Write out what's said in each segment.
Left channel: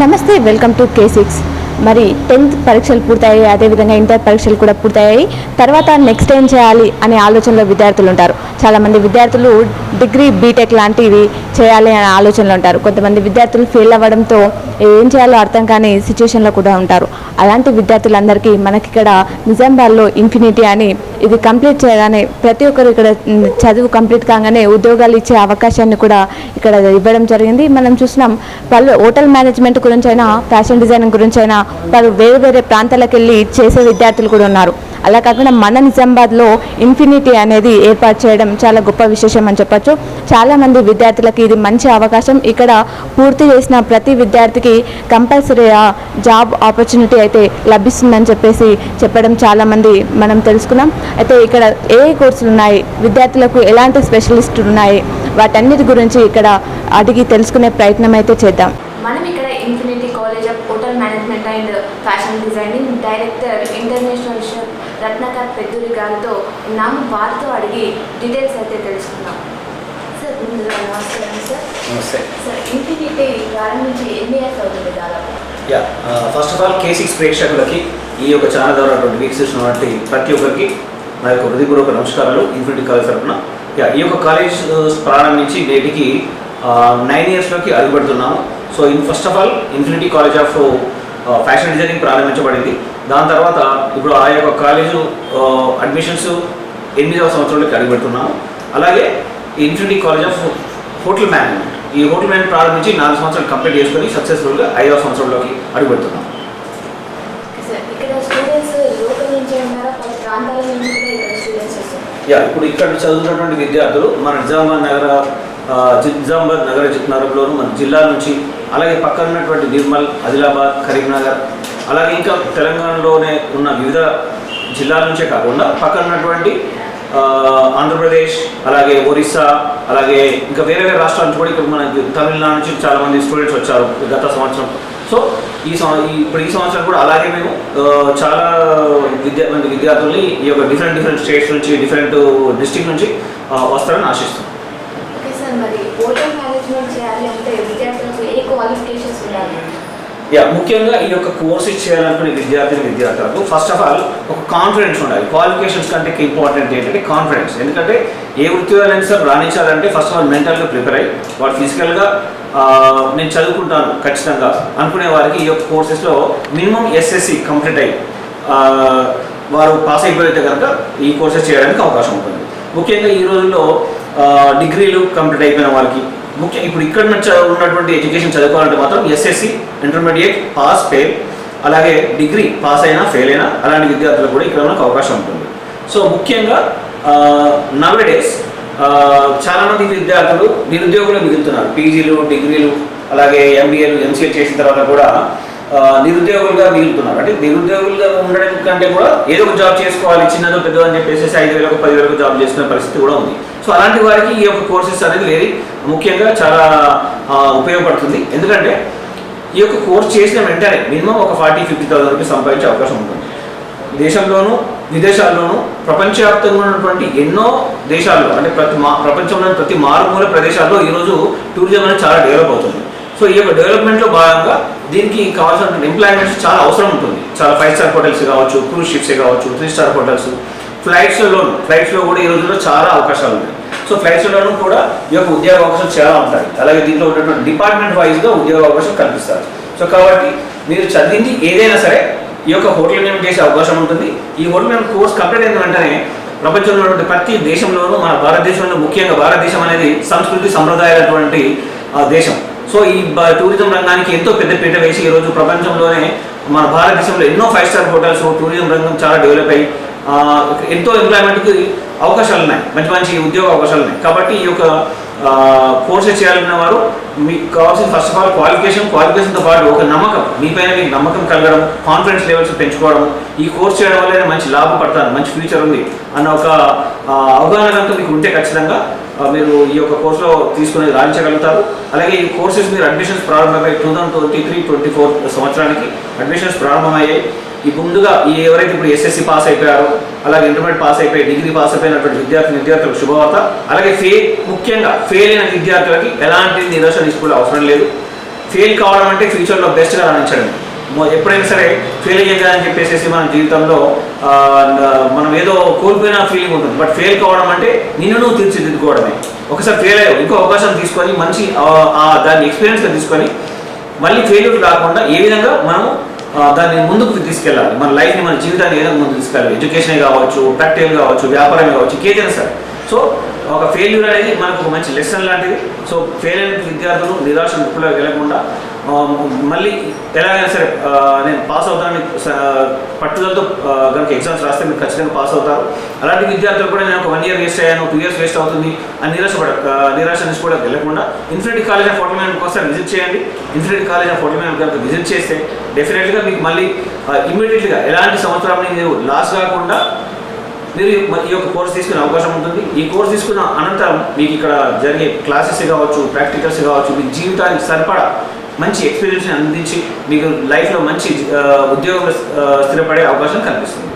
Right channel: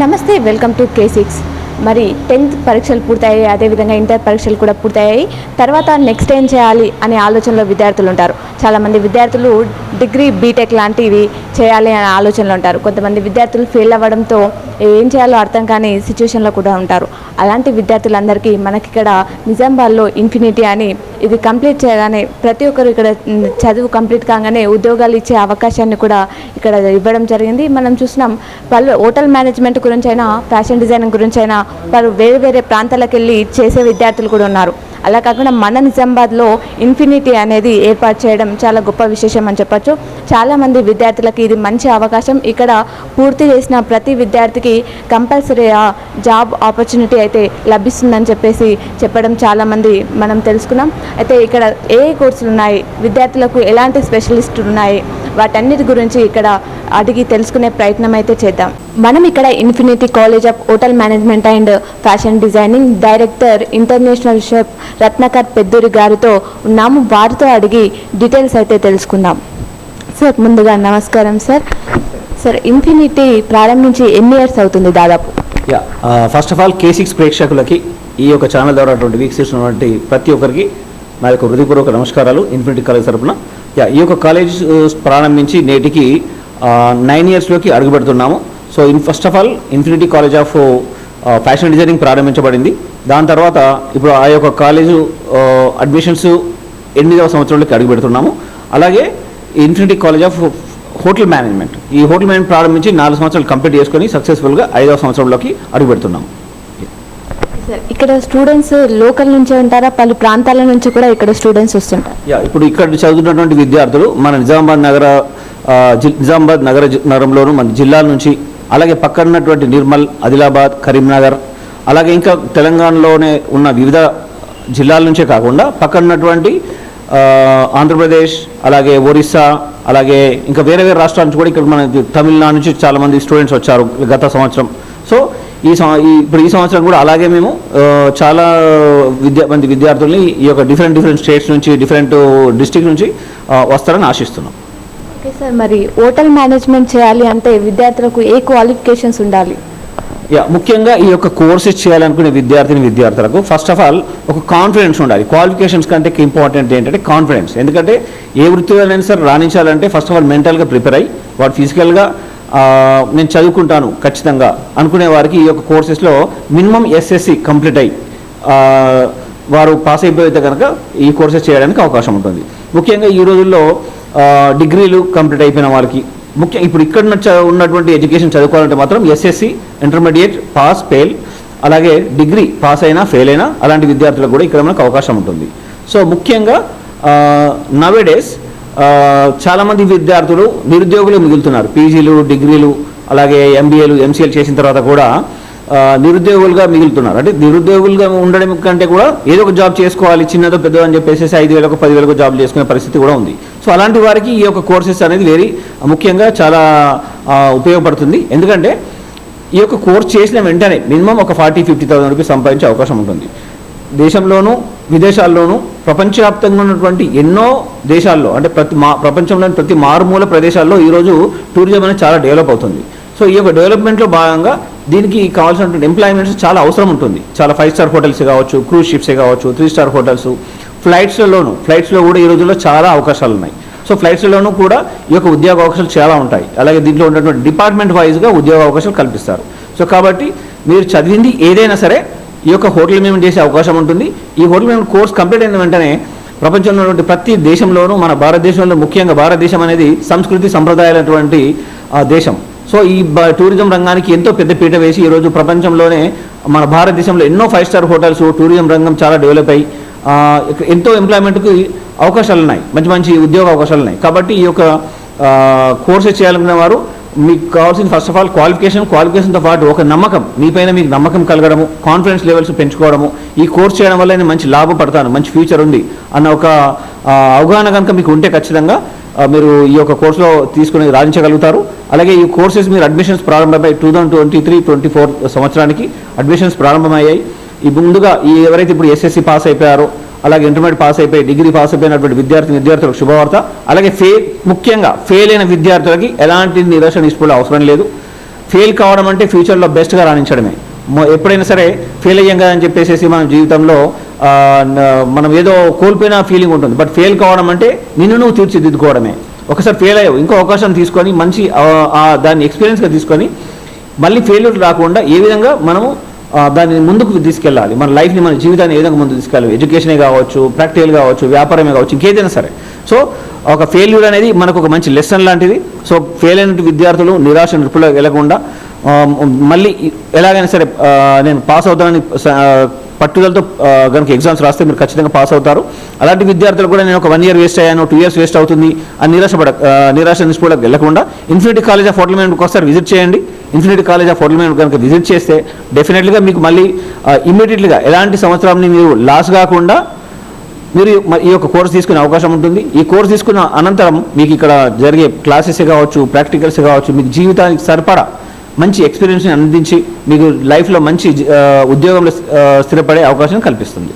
నమస్తే, welcome to K6. మరి 10th పరీక్షలు పూర్తయ్యాయి, అదేవిధంగా ఇంటర్ పరీక్షలు కూడా పూర్తయ్యాయి. తర్వాత నెక్స్ట్ ఏం చేయాలి అనే ఆలోచనలో విద్యార్థులు ఉంటారు. చాలామంది విద్యార్థులు డిగ్రీ బీటెక్ లాంటివి చేయాలి అనే ఆలోచనలో ఉంటారు. కొంతమంది విద్యార్థులు ఫెయిల్ అవ్వడంతో ఏం చేయాలో అర్థం కాని సిచ్యువేషన్లో కూడా ఉంటారు. అలాంటి విద్యార్థులందరికీ మనకి ఇక్కడ నిజామాబాద్లో ఇన్ఫినిటీ అని ఇది కంప్లీట్ చేయగానే ప్రతి ఒక్కరు ఇక్కడ చదువు కంప్లీట్ కాగానే ఉద్యోగాలు ఇచ్చే అవకాశాన్ని కూడా ఇక్కడ ఇవ్వడం జరిగింది. మనం చూసినాం పలు హోటల్ మేనేజ్మెంట్ గురించి అయినా, ఫ్యాషన్ డిజైనింగ్ గురించి అయినా వారు వేరే వేరే ప్రాంతాలకు వెళ్ళి చేసే విద్యార్థులు కూడా ఉన్నారు. అలా కాకుండా మన నిజామాబాద్లో ఇన్ఫినిటీ అనేది ఏర్పాటు చేయడం చాలా గొప్ప విశేషం అని చెప్పొచ్చు. చాలామంది విద్యార్థులకి ఇది మంచి అవకాశం. ఇక్కడ పూర్తి చేసిన ప్రతి విద్యార్థికి కంపల్సరీగా జాబ్ ఆపర్చునిటీ అయితే లభిస్తుందని చెప్పడం చాలామంది మనం తెలుసుకున్నాం. అయితే ఇక్కడ ఏ కోర్సులు ఉన్నాయి, విద్యార్థులకు ఎలాంటి స్పెషలిస్టులు ఉన్నాయి, వాటన్నిటి గురించి ఇక్కడ అడిగి తెలుసుకునే ప్రయత్నం అయితే చేద్దాం. మనం ఇక్కడ infinity college of hotel management and fashion designing director international chef Ratnakar Pedduri గారితో ఉన్నాము. వారితో అడిగి డీటెయిల్స్ అయితే తెలుసుకుందాం. సార్, ముందుగా నమస్కారం సార్. సార్, ఇన్ఫినిటీ ప్రారంభించి ఎన్ని ఇయర్స్ అవుతుంది దాదాపు? ఫస్ట్ ఆఫ్ ఆల్ K6 ప్రేక్షకులకి ఈ యొక్క ఛానల్ ద్వారా వీక్షిస్తున్నటువంటి ప్రతి ఒక్కరికి నా యొక్క హృదయపూర్వక నమస్కారాలు. ఇన్ఫినిటీ కాలేజ్ తరఫున ఈ యొక్క కాలేజ్ ప్రారంభించి నేటికి 9 ఇయర్స్లోకి అడుగుపెడుతున్నాము. So first of all infinity college of fashion designing ప్రారంభించబడింది. దాని తర్వాత ఇప్పుడు ఆ యొక్క కాలేజు అడ్మిషన్స్ 8వ సంవత్సరంలోకి అడుగుపెడుతున్నాము. అలాగే infinity college of hotel management, ఈ హోటల్ మేనేజ్మెంట్ ప్రారంభించి 4 సంవత్సరాలు కంప్లీట్ చేసుకొని సక్సెస్ఫుల్గా 5వ సంవత్సరంలోకి అడుగుపెడుతున్నాము. ఇక్కడ స్టూడెంట్స్ లోకల్ నుంచి ఉంటారా, పలు ప్రాంతాల నుంచి కూడా ఇక్కడ స్టూడెంట్స్ వస్తుంటారు? ఇప్పుడు ఇక్కడ చదువుతున్నటువంటి విద్యార్థులు మన నిజామాబాద్ నగరంలోను, మన జిల్లాల నుంచి, అలాగే పక్కన ఉన్నటువంటి నిర్మల్, ఆదిలాబాద్, కరీంనగర్, అలాగే ఇంకా తెలంగాణలోనే ఉన్న వివిధ జిల్లాల నుంచే కాకుండా పక్కన ఉన్నటువంటి ఆంధ్రప్రదేశ్, అలాగే ఒరిస్సా, అలాగే ఇంకా వేరే వేరే రాష్ట్రాల నుంచి కూడా ఇక్కడ మన తమిళనాడు నుంచి చాలామంది స్టూడెంట్స్ వచ్చారు గత సంవత్సరం. సో ఇప్పుడు ఈ సంవత్సరం కూడా అలాగే మేము చాలా మంది విద్యార్థుల్ని ఈ యొక్క డిఫరెంట్ స్టేట్స్ నుంచి, డిఫరెంట్ డిస్ట్రిక్ట్ నుంచి వస్తారని ఆశిస్తున్నాం. సార్, మరి హోటల్ మేనేజ్మెంట్ చేయాలి అంటే విద్యార్థులకు ఏ క్వాలిఫికేషన్స్ ఉండాలి? ముఖ్యంగా ఈ యొక్క కోర్సెస్ చేయాలనుకునే విద్యార్థులకు ఫస్ట్ ఆఫ్ ఆల్ ఒక కాన్ఫిడెన్స్ ఉండాలి. క్వాలిఫికేషన్స్ కంటే ఇంపార్టెంట్ ఏంటంటే కాన్ఫిడెన్స్. ఎందుకంటే ఏ వృత్తిలో సార్ రాణించాలంటే ఫస్ట్ ఆఫ్ ఆల్ మెంటల్గా ప్రిపేర్ అయ్యి వాడు ఫిజికల్గా నేను చదువుకుంటాను ఖచ్చితంగా అనుకునే వారికి ఈ యొక్క కోర్సెస్లో మినిమం SSC కంప్లీట్ అయ్యి వారు పాస్ అయిపోతే కనుక ఈ కోర్సెస్ చేయడానికి అవకాశం ఉంటుంది. ముఖ్యంగా ఈ రోజుల్లో డిగ్రీలు కంప్లీట్ అయిపోయిన వారికి ఇప్పుడు ఇక్కడ ఉన్నటువంటి ఎడ్యుకేషన్ చదువుకోవాలంటే మాత్రం SSC ఇంటర్మీడియట్ పాస్, ఫెయిల్, అలాగే డిగ్రీ పాస్ అయినా ఫెయిల్ అయినా అలాంటి విద్యార్థులకు కూడా ఇక్కడ మనకు అవకాశం ఉంటుంది. సో ముఖ్యంగా నవేడేస్ చాలామంది విద్యార్థులు నిరుద్యోగులు మిగులుతున్నారు. పీజీలు, డిగ్రీలు, అలాగే MBAలు, MCAలు చేసిన తర్వాత కూడా నిరుద్యోగులుగా మిగులుతున్నారు. అంటే నిరుద్యోగులుగా ఉండడం కంటే కూడా ఏదో ఒక జాబ్ చేసుకోవాలి, చిన్నదో పెద్దదో అని చెప్పేసి 5,000 10,000 జాబ్ చేసుకునే పరిస్థితి కూడా ఉంది. సో అలాంటి వారికి ఈ యొక్క కోర్సెస్ అనేది వెరీ ముఖ్యంగా చాలా ఉపయోగపడుతుంది. ఎందుకంటే ఈ యొక్క కోర్స్ చేసిన వెంటనే మినిమం ఒక 40,000-50,000 రూపీస్ సంపాదించే అవకాశం ఉంటుంది. దేశంలోనూ విదేశాల్లోనూ ప్రపంచవ్యాప్తంగా ఉన్నటువంటి ఎన్నో దేశాల్లో, అంటే ప్రపంచంలోని ప్రతి మారుమూల ప్రదేశాల్లో ఈరోజు టూరిజం అనేది చాలా డెవలప్ అవుతుంది. సో ఈ యొక్క డెవలప్మెంట్లో భాగంగా దీనికి కావాల్సినటువంటి ఎంప్లాయ్మెంట్స్ చాలా అవసరం ఉంటుంది. చాలా 5 స్టార్ హోటల్స్ కావచ్చు, క్రూజ్ షిప్సే కావచ్చు, 3 స్టార్ హోటల్స్, ఫ్లైట్స్లో కూడా ఈ రోజుల్లో చాలా అవకాశాలు ఉన్నాయి. సో ఫ్లైట్స్లోనూ కూడా ఈ యొక్క ఉద్యోగ అవకాశాలు చాలా ఉంటాయి. అలాగే దీంట్లో ఉన్నటువంటి డిపార్ట్మెంట్ వైజ్గా ఉద్యోగ అవకాశాలు కల్పిస్తారు. సో కాబట్టి మీరు చదివింది ఏదైనా సరే ఈ యొక్క హోటల్ మేనేజ్మెంట్ చేసే అవకాశం ఉంటుంది. ఈ హోటల్ మేనేజ్మెంట్ కోర్స్ కంప్లీట్ అయిన వెంటనే ప్రపంచంలో ఉన్నటువంటి ప్రతి దేశంలోనూ, మన భారతదేశంలో ముఖ్యంగా భారతదేశం అనేది సంస్కృతి సంప్రదాయాలటువంటి దేశం. సో ఈ టూరిజం రంగానికి ఎంతో పెద్ద పీట వేసి ఈరోజు ప్రపంచంలోనే మన భారతదేశంలో ఎన్నో 5 స్టార్ హోటల్స్, టూరిజం రంగం చాలా డెవలప్ అయ్యి ఎంతో ఎంప్లాయ్మెంట్కి అవకాశాలు ఉన్నాయి, మంచి ఉద్యోగ అవకాశాలు ఉన్నాయి. కాబట్టి ఈ యొక్క కోర్సెస్ చేయాలన్న వారు మీకు కావాల్సిన ఫస్ట్ ఆఫ్ ఆల్ క్వాలిఫికేషన్తో పాటు ఒక నమ్మకం, మీపైన మీకు నమ్మకం కలగడము, కాన్ఫిడెన్స్ లెవెల్స్ పెంచుకోవడము, ఈ కోర్స్ చేయడం వల్ల నేను మంచి లాభపడతాను, మంచి ఫ్యూచర్ ఉంది అన్న ఒక అవగాహన కనుక మీకు ఉంటే ఖచ్చితంగా మీరు ఈ యొక్క కోర్సులో తీసుకుని రాణించగలుగుతారు. అలాగే ఈ కోర్సెస్ మీరు అడ్మిషన్స్ ప్రారంభమయ్యాయి 2023-24 సంవత్సరానికి అడ్మిషన్స్ ప్రారంభమయ్యాయి. ఈ ముందుగా ఎవరైతే ఇప్పుడు SSC పాస్ అయిపోయారో, అలాగే ఇంటర్మీడియట్ పాస్ అయిపోయి, డిగ్రీ పాస్ అయిపోయినటువంటి విద్యార్థులకు శుభవార్త. అలాగే ముఖ్యంగా ఫెయిల్ అయిన విద్యార్థులకి ఎలాంటి నిరాశ నిస్పృహలు అవసరం లేదు. ఫెయిల్ కావడం అంటే ఫ్యూచర్లో బెస్ట్గా రాణించడమే. ఎప్పుడైనా సరే ఫెయిల్ అయ్యాం కదా అని చెప్పేసి మన జీవితంలో మనం ఏదో కోల్పోయిన ఫీలింగ్ ఉంటుంది. బట్ ఫెయిల్ కావడం అంటే నిన్ను నువ్వు తీర్చిదిద్దుకోవడమే. ఒకసారి ఫెయిల్ అయ్యావు, ఇంకో అవకాశం తీసుకొని మంచి దాన్ని ఎక్స్పీరియన్స్గా తీసుకొని మళ్ళీ ఫెయిల్యూర్ రాకుండా ఏ విధంగా మనం దాన్ని ముందుకు తీసుకెళ్ళాలి, మన లైఫ్ని మన జీవితాన్ని ఏ విధంగా ముందుకు తీసుకెళ్ళాలి. ఎడ్యుకేషనే కావచ్చు, ప్రాక్టికల్ కావచ్చు, వ్యాపారమే కావచ్చు, ఇంకేదైనా సరే. సో ఒక ఫెయిల్యూర్ అనేది మనకు ఒక మంచి లెసన్ లాంటిది. సో ఫెయిల్ అయిన విద్యార్థులు నిరాశ నిప్పులో వెళ్ళకుండా మళ్ళీ ఎలాగైనా సరే నేను పాస్ అవుతానని పట్టుదలతో కనుక ఎగ్జామ్స్ రాస్తే మీరు ఖచ్చితంగా పాస్ అవుతారు. అలాంటి విద్యార్థులు కూడా నేను ఒక 1 year వేస్ట్ అయ్యాను, 2 years వేస్ట్ అవుతుంది అని నిరాశ నుంచి కూడా వెళ్ళకుండా infinity college of hotel management ఒకసారి విజిట్ చేయండి. Infinity college of hotel management కనుక విజిట్ చేస్తే డెఫినెట్లీగా మీకు మళ్ళీ ఇమ్మీడియట్లీగా ఎలాంటి సంవత్సరాన్ని మీరు లాస్ కాకుండా మీరు ఈ యొక్క కోర్స్ తీసుకునే అవకాశం ఉంటుంది. ఈ కోర్స్ తీసుకున్న అనంతరం మీకు ఇక్కడ జరిగే క్లాసెస్ కావచ్చు, ప్రాక్టికల్స్ కావచ్చు, మీకు జీవితానికి సరిపడా మంచి ఎక్స్పీరియన్స్ని అందించి మీకు లైఫ్లో మంచి ఉద్యోగంలో స్థిరపడే అవకాశం కల్పిస్తుంది.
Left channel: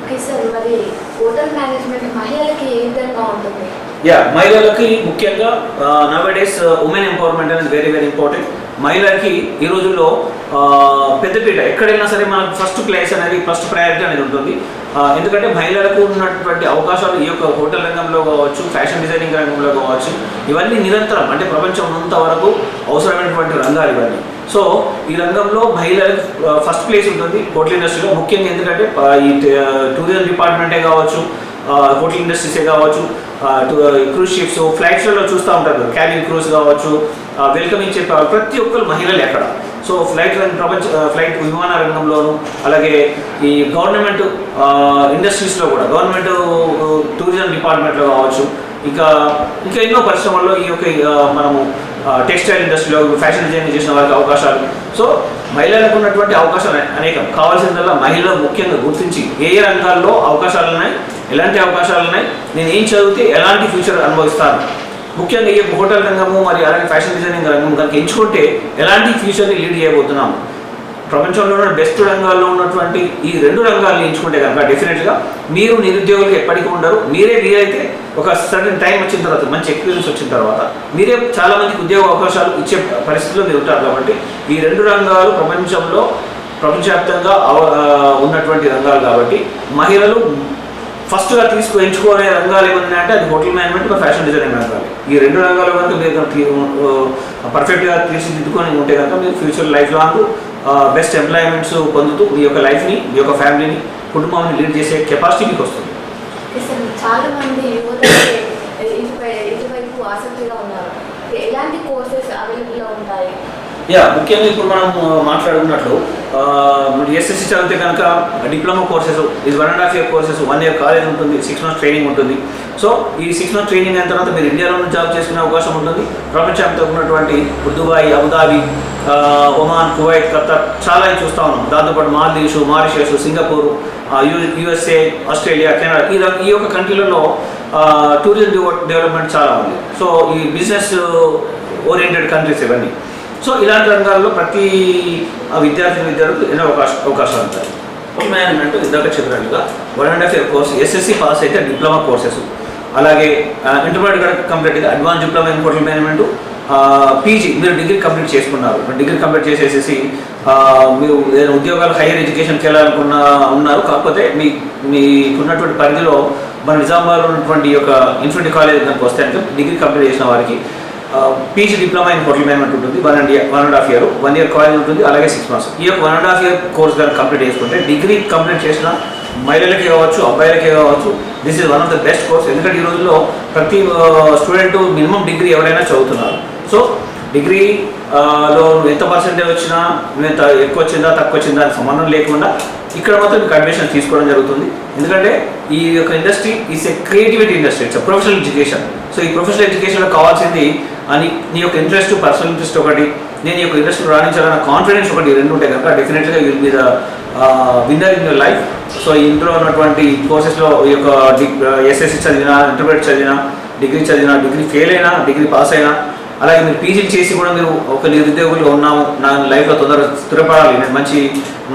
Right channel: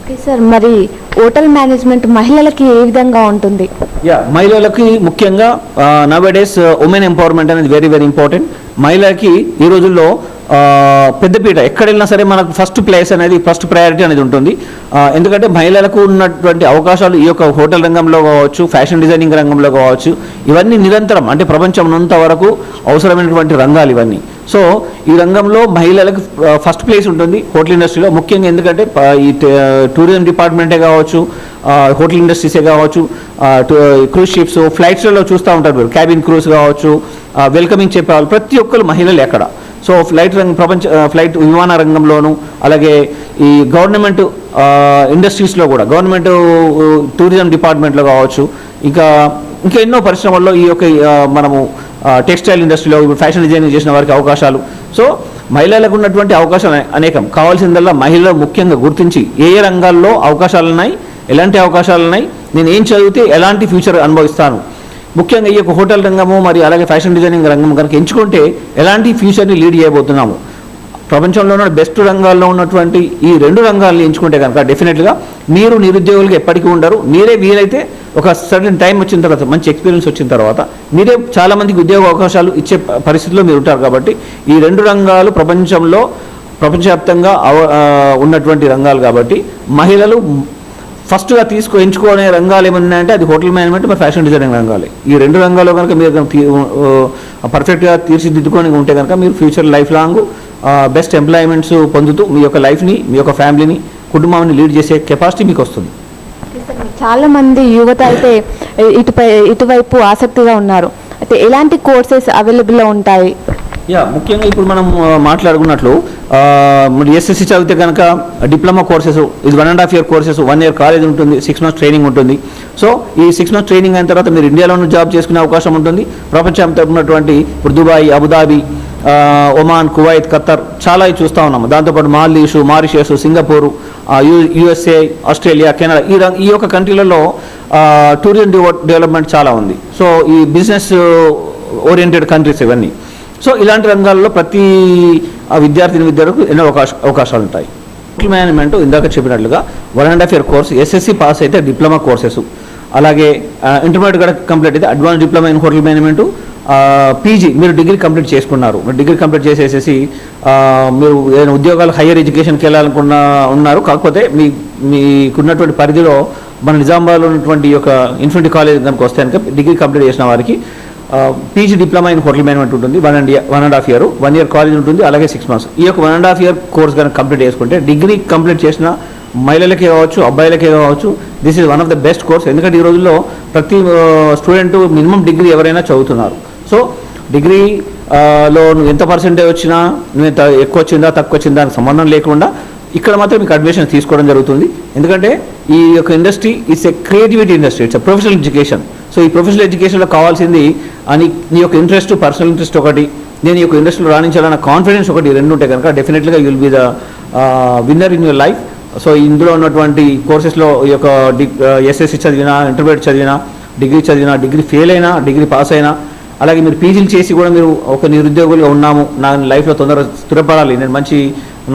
ఓకే సార్, మరి హోటల్ మేనేజ్మెంట్ మహిళలకి ఏ విధంగా ఉంటుంది? మహిళలకి ముఖ్యంగా నవేడేస్ ఉమెన్ ఎంపవర్మెంట్ అనేది వెరీ వెరీ ఇంపార్టెంట్. మహిళలకి ఈ రోజుల్లో పెద్దపీట ఎక్కడ వెళ్ళినా సరే మనకు ఫస్ట్ ప్లేస్ అనేది, ఫస్ట్ ప్రయారిటీ అనేది ఉంటుంది. ఎందుకంటే మహిళలకు ఉన్నటువంటి అవకాశాలు ఈ యొక్క హోటల్ రంగంలో కావచ్చు, ఫ్యాషన్ డిజైనింగ్ రంగంలో కావచ్చు, ఇవన్నీ నిరంతరం అంటే ప్రపంచం ఉన్నంత వరకు అవసరమైనటువంటి రంగాలు ఇవన్నీ. సో ఈ రంగంలో మహిళలకు ఫస్ట్ ప్లేస్ ఉంటుంది హోటల్ ఇండస్ట్రీలో ముఖ్యంగా. ఎందుకంటే ఈ టూరిజం డిపార్ట్మెంటే కావచ్చు, హోటల్ ఇండస్ట్రీసే కావచ్చు, క్రూజ్ షిప్స్, ఫ్లైట్స్లలో చూస్తూ ఉంటారు, క్యాబిన్ క్రూస్ కావచ్చు, వెల్కమింగ్ చెప్పేవాళ్ళు ప్రతి ఒక్కరు మహిళలు ఎక్కడ. సో ఫ్లైట్ విమాన రంగంలోను, అలాగే ఈ గవర్నమెంట్ ఇండస్ట్రీస్లో కూడా, గవర్నమెంట్ టూరిజం డిపార్ట్మెంట్లో కావచ్చు, ఇంకా ఎన్నో పరిశ్రమల్లో ఈ యొక్క మనము టెక్స్టైల్ ఇండస్ట్రీలో ఫ్యాషన్ డిజైనింగ్ చేసిన వారికి అవకాశాలు. సో మహిళలకు ఉన్నటువంటి అవకాశాలు అనేకం. కావాల్సిందల్లా మహిళలు ముఖ్యంగా గుర్తించి ఏ రంగాల్లో అవకాశాలు ఉన్నాయి, ఎలాంటి అవకాశాలు ఉన్నాయి, నేను ఏం చదివితే ఎలాంటి ఫ్యూచర్ అనుభవిస్తాను, ముఖ్యంగా ఈ యొక్క హోటల్ రంగము మరి అలాగే ఫ్యాషన్ డిజైనింగ్ రంగం కనుక ఎంచుకుంటే ఎలాంటి ఫ్యూచర్ని లీడ్ చేయబోతున్నాము. ప్రపంచంలో ఉన్న బెస్ట్ రంగాల్లో ఉన్నటువంటి ఈ 2 రంగాల్ని ఎంచుకుంటే కనుక డెఫినెట్గా మీరు నిరుద్యోగులు ఎప్పటికీ ఉండరు. మీరే వీలైతే ఒక సర్టన్ టైం వచ్చిన తర్వాత, మంచి ఎక్స్పీరియన్స్ వచ్చిన తర్వాత మీరే చాలామందికి ఉద్యోగ అవకాశాలు ఇచ్చే పరిస్థితిలో మీరు ఉంటారు. కాబట్టి ఈ 2 రంగాలు ప్రపంచవ్యాప్తంగా ఉన్నటువంటి రంగాలు. కాబట్టి మహిళలు ఫస్ట్గా ఎంచుకునే రంగాలు ఏమున్నాయంటే అది హోటల్ మేనేజ్మెంట్, మరి ఫ్యాషన్ డిజైనింగ్ రంగాలే. ఈ 2 రంగాల్లో కనుక మీరు పర్ఫెక్ట్గా తీర్చిదిద్దుకొని ఉంటే కనుక మీరు future life long best employments పొందుతూ మీ యొక్క లైఫ్ని, మీ యొక్క ఫ్యామిలీని, కుటుంబాన్ని లీడ్ చేసే కెపాసిటీ మీకు వస్తుంది. చాలా మంది యువత అయితే ఇటువైపు ఆసక్తిగా ఉన్నారు. అయితే ఎలాంటి కోర్సెస్ అవైలబుల్లో ఉంటాయి? ముఖ్యంగా ఇప్పుడు మనం మాట్లాడుకున్నట్లు ఎస్ఎస్సి చదివితే కనుక డిప్లొమా కోర్సెస్, ఇది 1.5 year కోర్సెస్, 1 year కాలేజ్ ఉంటుంది, 6 months ట్రైనింగ్ ఉంటుంది. సో ఈ 6 months ట్రైనింగ్ అయిన తర్వాత మీరు ఇండియాలో జాబ్ చేసుకునే అవకాశం ఉంటుంది. ప్రపంచంతో ఉన్నటువంటి Dubai, Abu Dhabi, Oman, Kuwait, Khattar చాలా చూస్తూ ఉన్నాము. దాంతోపాటు Maldives, Mauritius, Singapore, USA, Australia, Canada, ఈ యొక్క కంట్రీలలో టూరిజం డెవలప్మెంట్ చాలా ఉంది. సో ఈ బిజినెస్ ఓరియంటెడ్ కంట్రీస్ ఇవన్నీ. సో ఇలాంటి రంగాల్లో ప్రతి విద్యార్థులకు ఎన్నో అవకాశాలు ఉంటాయి. హోటల్ మేనేజ్మెంట్ ఇందాక చెప్పినట్లుగా 1.5 year కోర్స్, ఎస్ఎస్సి పాస్ అయితే డిప్లొమా కోర్సెస్, అలాగే ఇంటర్మీడియట్ కూడా కంప్లీట్ అయితే advance diploma in hotel management, PG మీరు డిగ్రీ కంప్లీట్ చేసుకున్నారు, డిగ్రీ కంప్లీట్ చేసేసి మీరు ఏదైనా ఉద్యోగాలు హైయర్ ఎడ్యుకేషన్కి వెళ్ళాలనుకున్న ఉన్నారు. కాకపోతే మీకున్నటువంటి పరిధిలో మన నిజామాబాద్లో ఉన్నటువంటి యొక్క ఇన్ఫినిటీ కాలేజ్ కనుక వస్తే కనుక డిగ్రీ కంప్లీట్ చేసిన వారికి PG diploma in hotel management ఉంటుంది. 1.5 year, 1 year కాలేజ్ ఉంటుంది, అలాగే 6 months. ఈ యొక్క 1.5 year కోర్స్ కనుక కంప్లీట్ చేసుకుంటే డిగ్రీ కంప్లీట్ చేసిన మహిళలకే కావచ్చు, అబ్బాయిలకే కావచ్చు, this is one of the best course. ఎందుకంటే ఈ రోజుల్లో ప్రతి స్టూడెంట్ మినిమం డిగ్రీ ఎవరైనా చదువుతున్నారు. సో డిగ్రీలో నువ్వు ఎంత పర్సెంటేజ్ వచ్చినా, నువ్వు ఎంత ఎక్కువ వచ్చిందా తక్కువ వచ్చిందా అని సంబంధం లేకుండా ఇక్కడ మాత్రం మీకు అడ్మిషన్ తీసుకోవడం జరుగుతుంది. ఎందుకంటే ఈ యొక్క industry it's a creativity industry, it's a professional education. So ఈ ప్రొఫెషనల్ ఎడ్యుకేషన్లో కావాల్సింది నీ యొక్క ఇంట్రెస్ట్, పర్సనల్ ఇంట్రెస్ట్ ఒకటి, నేను ఈ యొక్క ఇండస్ట్రీలో రాణించాలన్న కాన్ఫిడెన్స్ ఒకటి, 2 ఉంటాయి కనుక డెఫినెట్గా you will be the winner in your life. So ఇందులో ఉన్నటువంటి కోర్సెస్లో ఈ యొక్క ఎస్ఎస్సి చదివినా, ఇంటర్మీడియట్ చదివినా, డిగ్రీ చదివినా, డిగ్రీ ఫెయిల్ అయినా, డిగ్రీ పాస్ అయినా, అలాగే మీరు పీజీలు చేసి కూడా మీరు ఒక నిరుద్యోగులుగా ఉన్నాము, నా లైఫ్లో తొందరగా స్థిరపడాలి, నేను మంచి